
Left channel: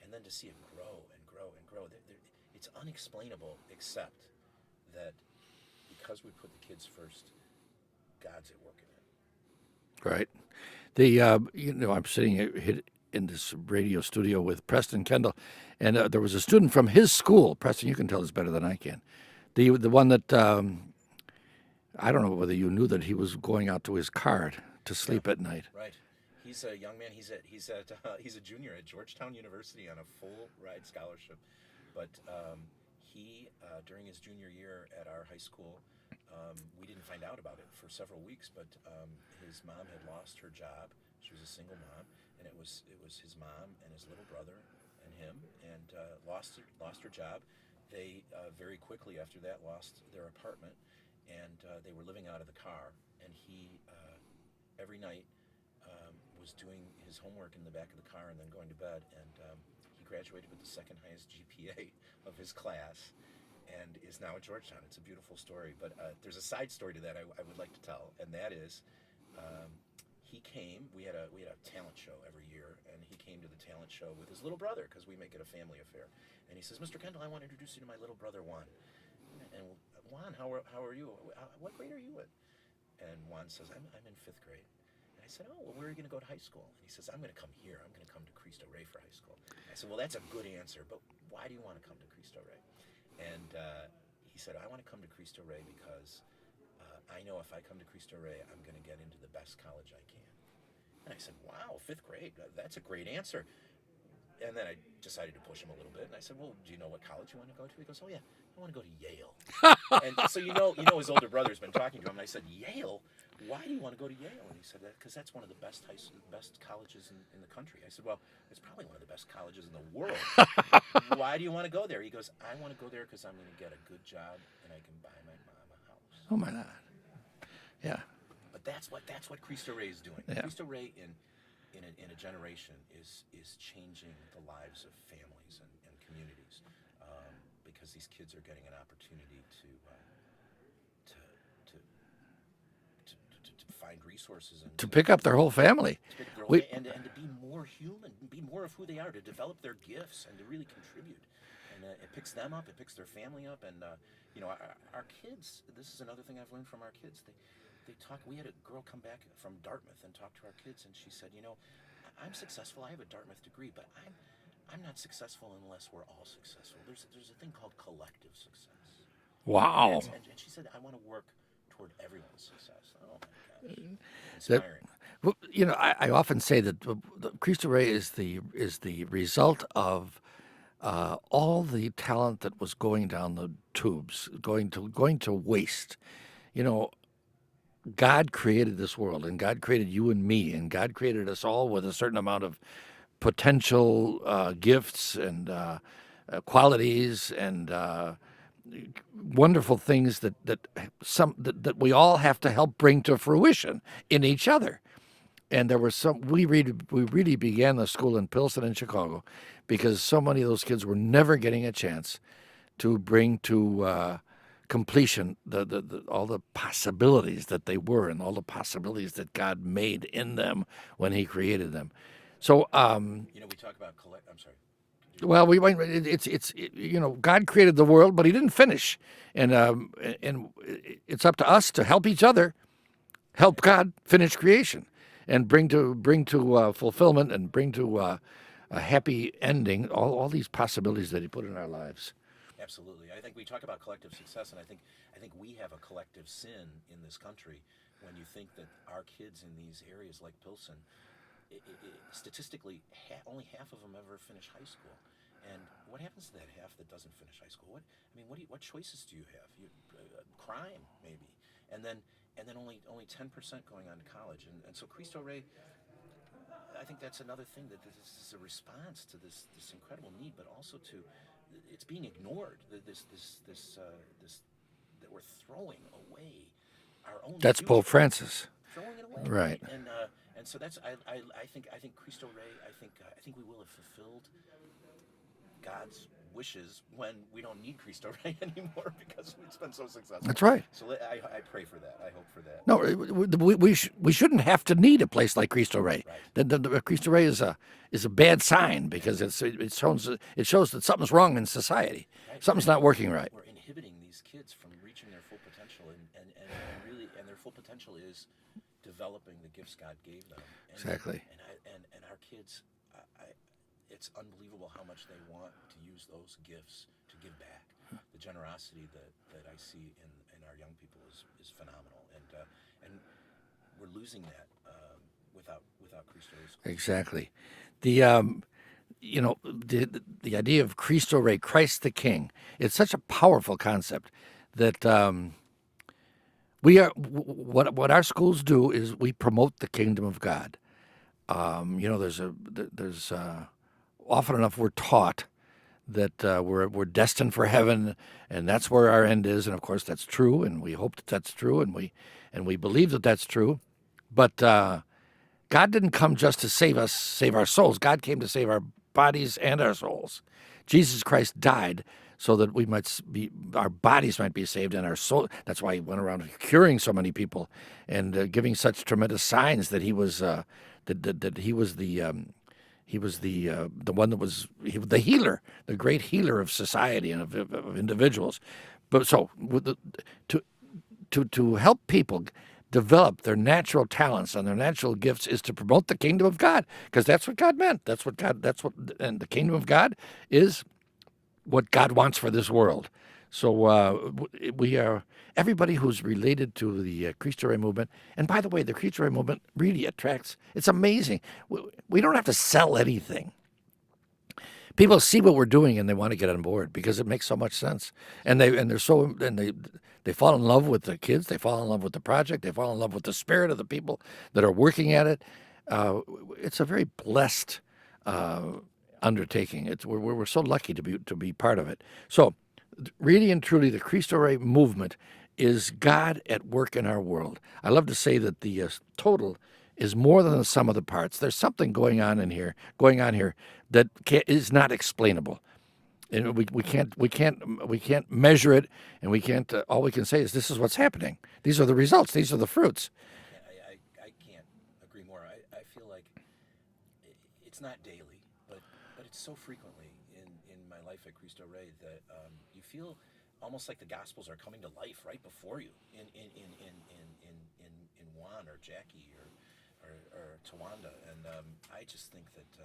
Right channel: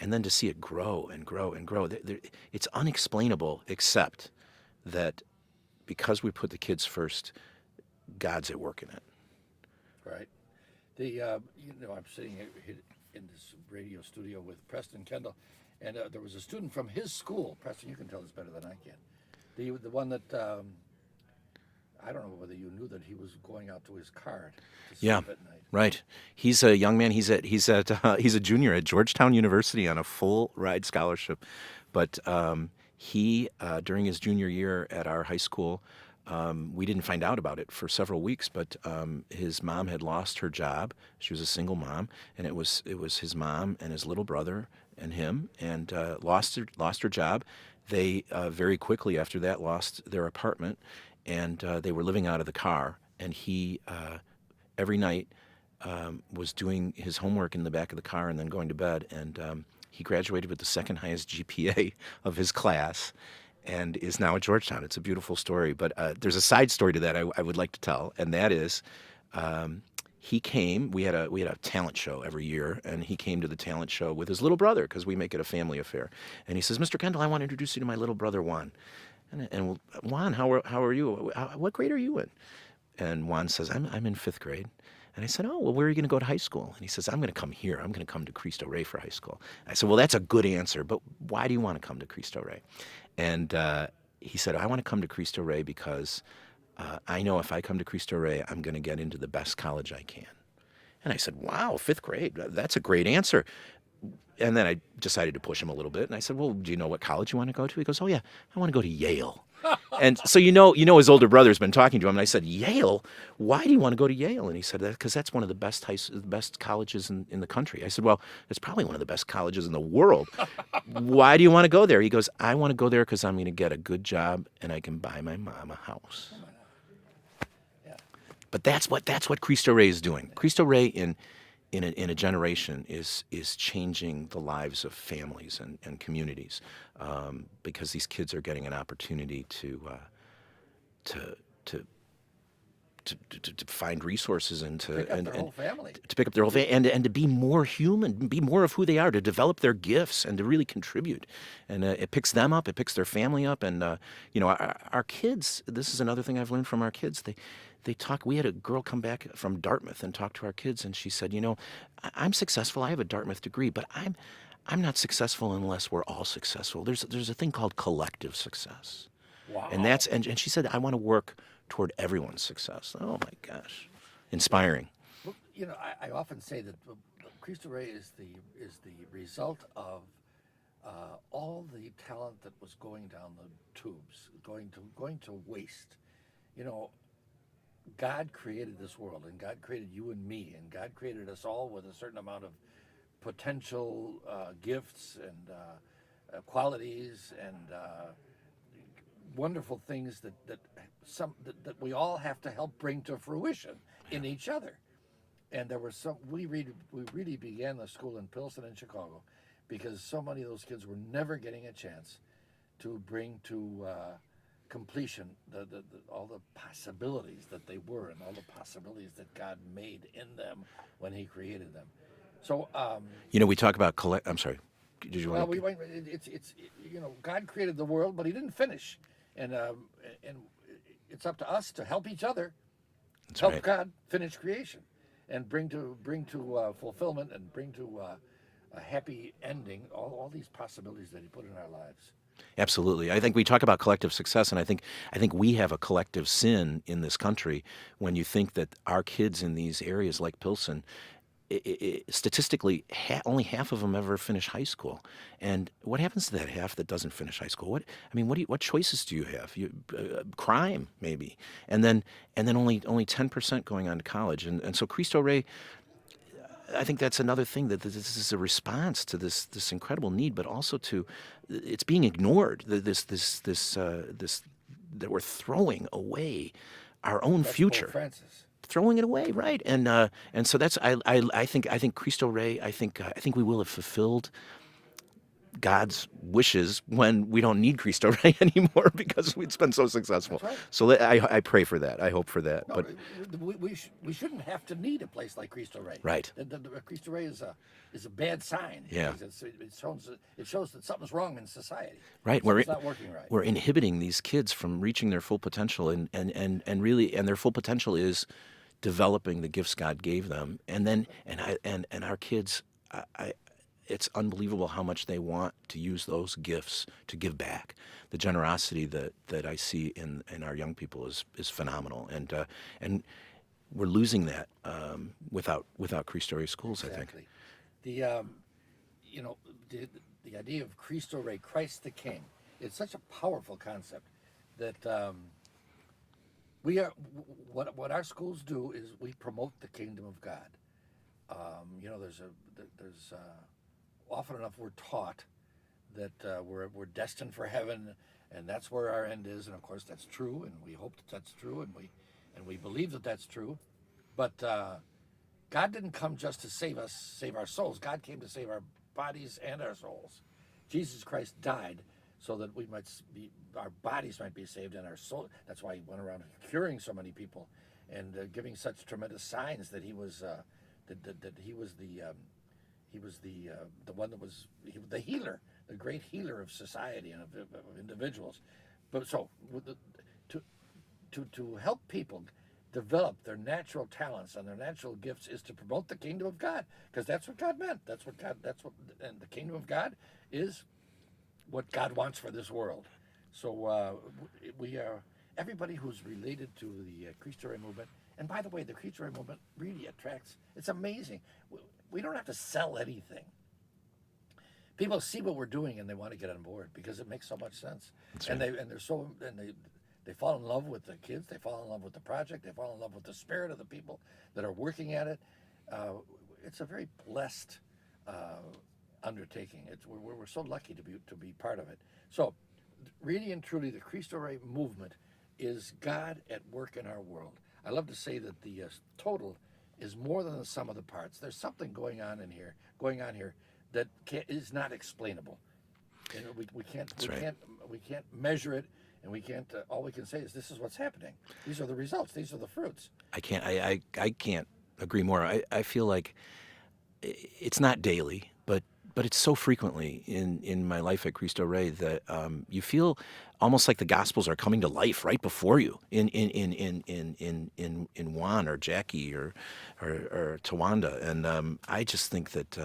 and then to see it grow and grow and grow. It's unexplainable, except that because we put the kids first, God's at work in it. Right. I'm sitting here in this radio studio with Preston Kendall, and there was a student from his school. Preston, you can tell this better than I can. The one that I don't know whether you knew that he was going out to his car to sleep at night. Right. He's a young man. He's a junior at Georgetown University on a full ride scholarship, but he during his junior year at our high school. We didn't find out about it for several weeks, but his mom had lost her job. She was a single mom, and it was his mom and his little brother and him, and lost her job. They very quickly after that lost their apartment, and they were living out of the car. And he every night was doing his homework in the back of the car and then going to bed. And he graduated with the second highest GPA of his class, and is now at Georgetown. It's a beautiful story. But there's a side story to that I would like to tell, and that is he came. We had a talent show every year, and he came to the talent show with his little brother, because we make it a family affair. And he says, "Mr. Kendall, I want to introduce you to my little brother Juan." And Juan, how are you? What grade are you in? And Juan says, I'm in 5th grade. And I said, "Oh, well, where are you going to go to high school?" And he says, "I'm going to come here. I'm going to come to Cristo Rey for high school." I said, "Well, that's a good answer, but why do you want to come to Cristo Rey?" And he said, "I want to come to Cristo Rey because I know if I come to Cristo Rey, I'm going to get into the best college I can." And I said, "Wow, 5th grade, that's a great answer." And then I decided to push him a little bit, and I said, "Well, do you know what college you want to go to?" He goes, "Oh yeah, I want to go to Yale." And so his older brother's been talking to him, and I said, "Yale? Why do you want to go to Yale?" And he said, "Because that's one of the best colleges in the country." I said, "Well, it's probably one of the best colleges in the world. Why do you want to go there?" He goes, "I want to go there because I'm going to get a good job and I can buy my mom a house." Oh my God. Yeah. But that's what Cristo Rey is doing. Yeah. Cristo Rey in a generation is changing the lives of families and communities, because these kids are getting an opportunity to find resources and To pick up their whole family. To pick up their whole family, and to be more human, be more of who they are, to develop their gifts and to really contribute. And it picks them up, it picks their family up, and our kids. This is another thing I've learned from our kids. They talk. We had a girl come back from Dartmouth and talk to our kids, and she said, "I'm successful. I have a Dartmouth degree, but I'm not successful unless we're all successful. There's a thing called collective success." Wow. And she said, "I want to work toward everyone's success." Oh my gosh, inspiring. Well, I often say that Cristo Rey is the result of all the talent that was going down the tubes, going to waste. God created this world, and God created you and me, and God created us all with a certain amount of potential gifts and qualities and wonderful things that we all have to help bring to fruition in each other. And there were some we really began the school in Pilsen in Chicago because so many of those kids were never getting a chance to bring to completion all the possibilities that they were and all the possibilities that God made in them when He created them. So, We talk about I'm sorry. Did you well, want- God created the world, but He didn't finish, and it's up to us to help each other, help right. God finish creation, and bring to fulfillment and bring to a happy ending all these possibilities that He put in our lives. Absolutely. I think we talk about collective success, and I think we have a collective sin in this country when you think that our kids in these areas like Pilsen, statistically, only half of them ever finish high school. And what happens to that half that doesn't finish high school? What choices do you have? Crime, maybe, and then only 10% going on to college. And so Cristo Rey, I think that's another thing, that this is a response to this incredible need, but also to it's being ignored. This that we're throwing away our own That's future. Pope Francis. Throwing it away, Right. right? And so that's I think Cristo Rey. I think we will have fulfilled God's wishes when we don't need Cristo Rey anymore because it's been so successful. That's right. So I pray for that. I hope for that. No, But- we shouldn't have to need a place like Cristo Rey. Right. The Cristo Rey is a bad sign because it shows that something's wrong in society. Right. Something's not working right. We're inhibiting these kids from reaching their full potential, and their full potential is developing the gifts God gave them, and Exactly. then and our kids, it's unbelievable how much they want to use those gifts to give back. The generosity that I see in our young people is phenomenal, and we're losing that without Cristo Rey schools. Exactly. The idea of Cristo Rey, Christ the King, it's such a powerful concept that we are what our schools do is we promote the kingdom of God. There's often enough we're taught that we're destined for heaven, and that's where our end is, and of course that's true, and we hope that that's true, and we believe that that's true, but God didn't come just to save our souls. God came to save our bodies and our souls. Jesus Christ died so that our bodies might be saved and our soul. That's why He went around curing so many people and giving such tremendous signs that He was the one that was the healer, the great healer of society and of individuals. But so to help people develop their natural talents and their natural gifts is to promote the kingdom of God, because that's what God meant. And the kingdom of God is what God wants for this world. So we are everybody who's related to the Cristo Rey movement. And by the way, the Cristo Rey movement really attracts. It's amazing. We don't have to sell anything. People see what we're doing and they want to get on board because it makes so much sense. They fall in love with the kids. They fall in love with the project. They fall in love with the spirit of the people that are working at it. It's a very blessed undertaking. We're so lucky to be part of it. So, really and truly, the Cristo Rey movement is God at work in our world. I love to say that the total is more than the sum of the parts. There's something going on here that is not explainable. And we can't measure it, and we can't. All we can say is this is what's happening. These are the results. These are the fruits. I can't agree more. I feel like it's not daily, but it's so frequently in my life at Cristo Rey that you feel almost like the Gospels are coming to life right before you in Juan or Jackie or Tawanda, and I just think that.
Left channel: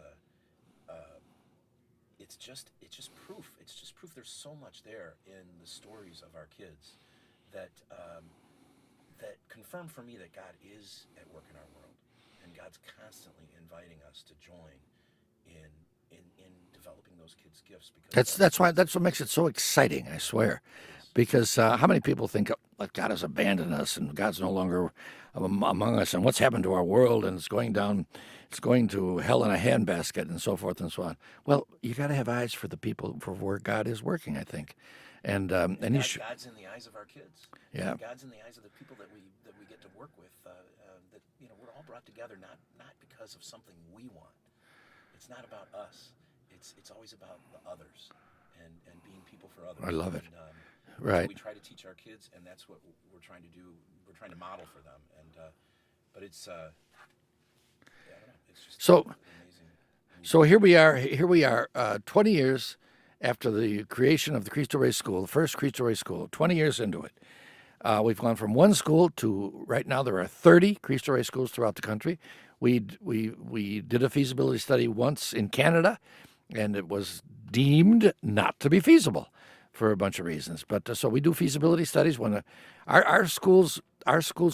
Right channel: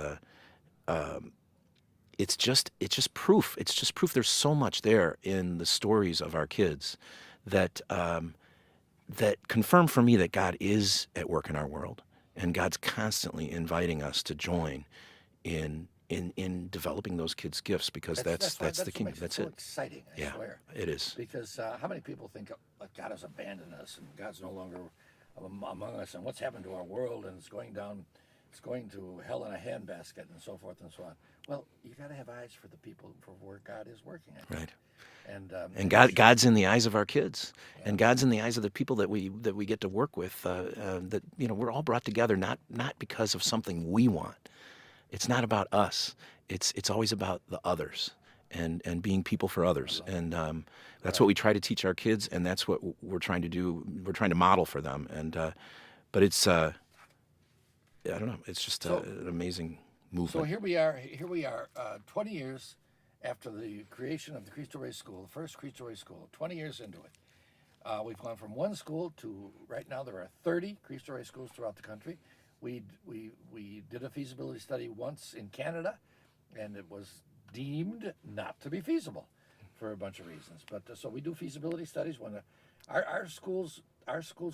It's just proof. It's just proof. There's so much there in the stories of our kids that confirm for me that God is at work in our world, and God's constantly inviting us to join in in developing those kids' gifts, because That's why the that's key. what makes it That's so exciting. I swear. It is. Because how many people think like God has abandoned us and God's no longer among us, and what's happened to our world, and it's going to hell in a handbasket, and so forth and so on. Well, you got to have eyes for the people, for where God is working, I think. Right. And God's in the eyes of our kids, Yeah. and God's in the eyes of the people that we get to work with. That we're all brought together not because of something we want. It's not about us. It's always about the others, and being people for others. I love it. And that's Right. what we try to teach our kids, and that's what we're trying to do. We're trying to model for them. And but it's I don't know. It's just an amazing movement. So here we are, 20 years after the creation of the Cristo Rey School, the first Cristo Rey School, 20 years into it. We've gone from one school to, right now, there are 30 Cristo Rey schools throughout the country. We did a feasibility study once in Canada, and it was deemed not to be feasible for a bunch of reasons. But so we do feasibility studies when our schools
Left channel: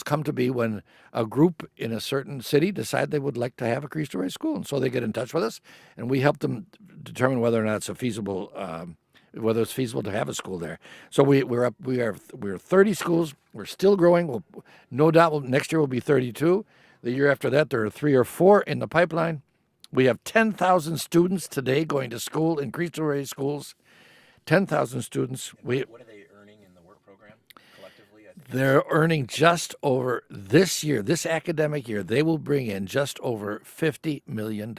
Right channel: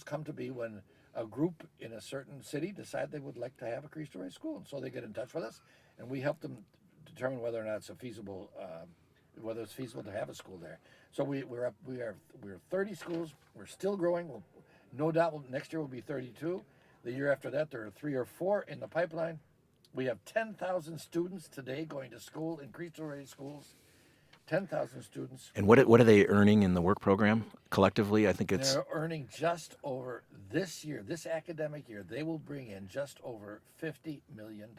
come to be when a group in a certain city decide they would like to have a Cristo Rey school, and so they get in touch with us, and we help them determine whether or not it's whether it's feasible to have a school there. So we're 30 schools. We're still growing. We'll, no doubt, next year will be 32. The year after that, there are 3 or 4 in the pipeline. We have 10,000 students today going to school in Cristo Rey schools. 10,000 students. And what are they earning in the work program collectively? I think They're earning just over this year, this academic year. They will bring in just over $50 million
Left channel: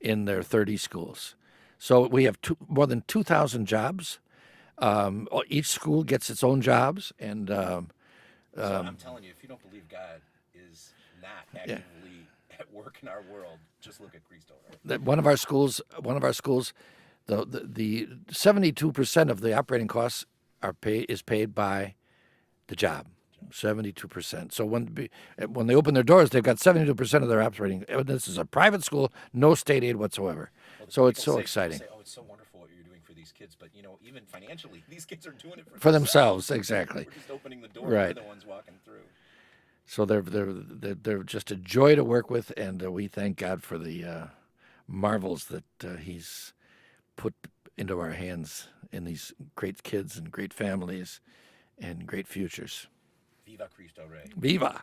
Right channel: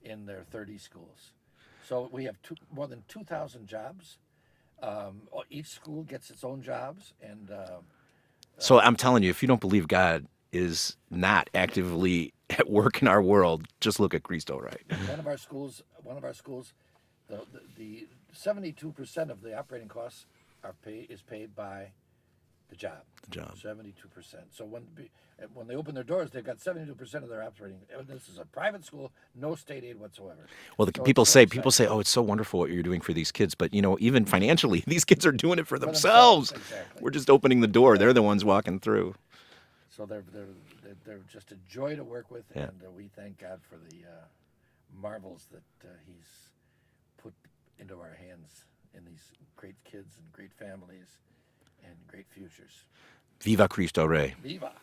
in their 30 schools. So we have more than 2,000 jobs. Each school gets its own jobs, and so I'm telling you, if you don't believe God is not actively at work in our world, just look at Cristo Rey. one of our schools, the 72% of the operating costs is paid by the job. 72%. So when they open their doors, they've got 72% of their operating. This is a private school, no state aid whatsoever. Well, So people it's so say, exciting. "Oh, it's so wonderful what you're doing for these kids," but even financially, these kids are doing it for themselves, themselves. exactly. We're just opening the door. Right. They're the ones walking through. So they're just a joy to work with, and we thank God for the marvels that He's put into our hands in these great kids and great families and great futures. Viva Cristo Rey. Viva!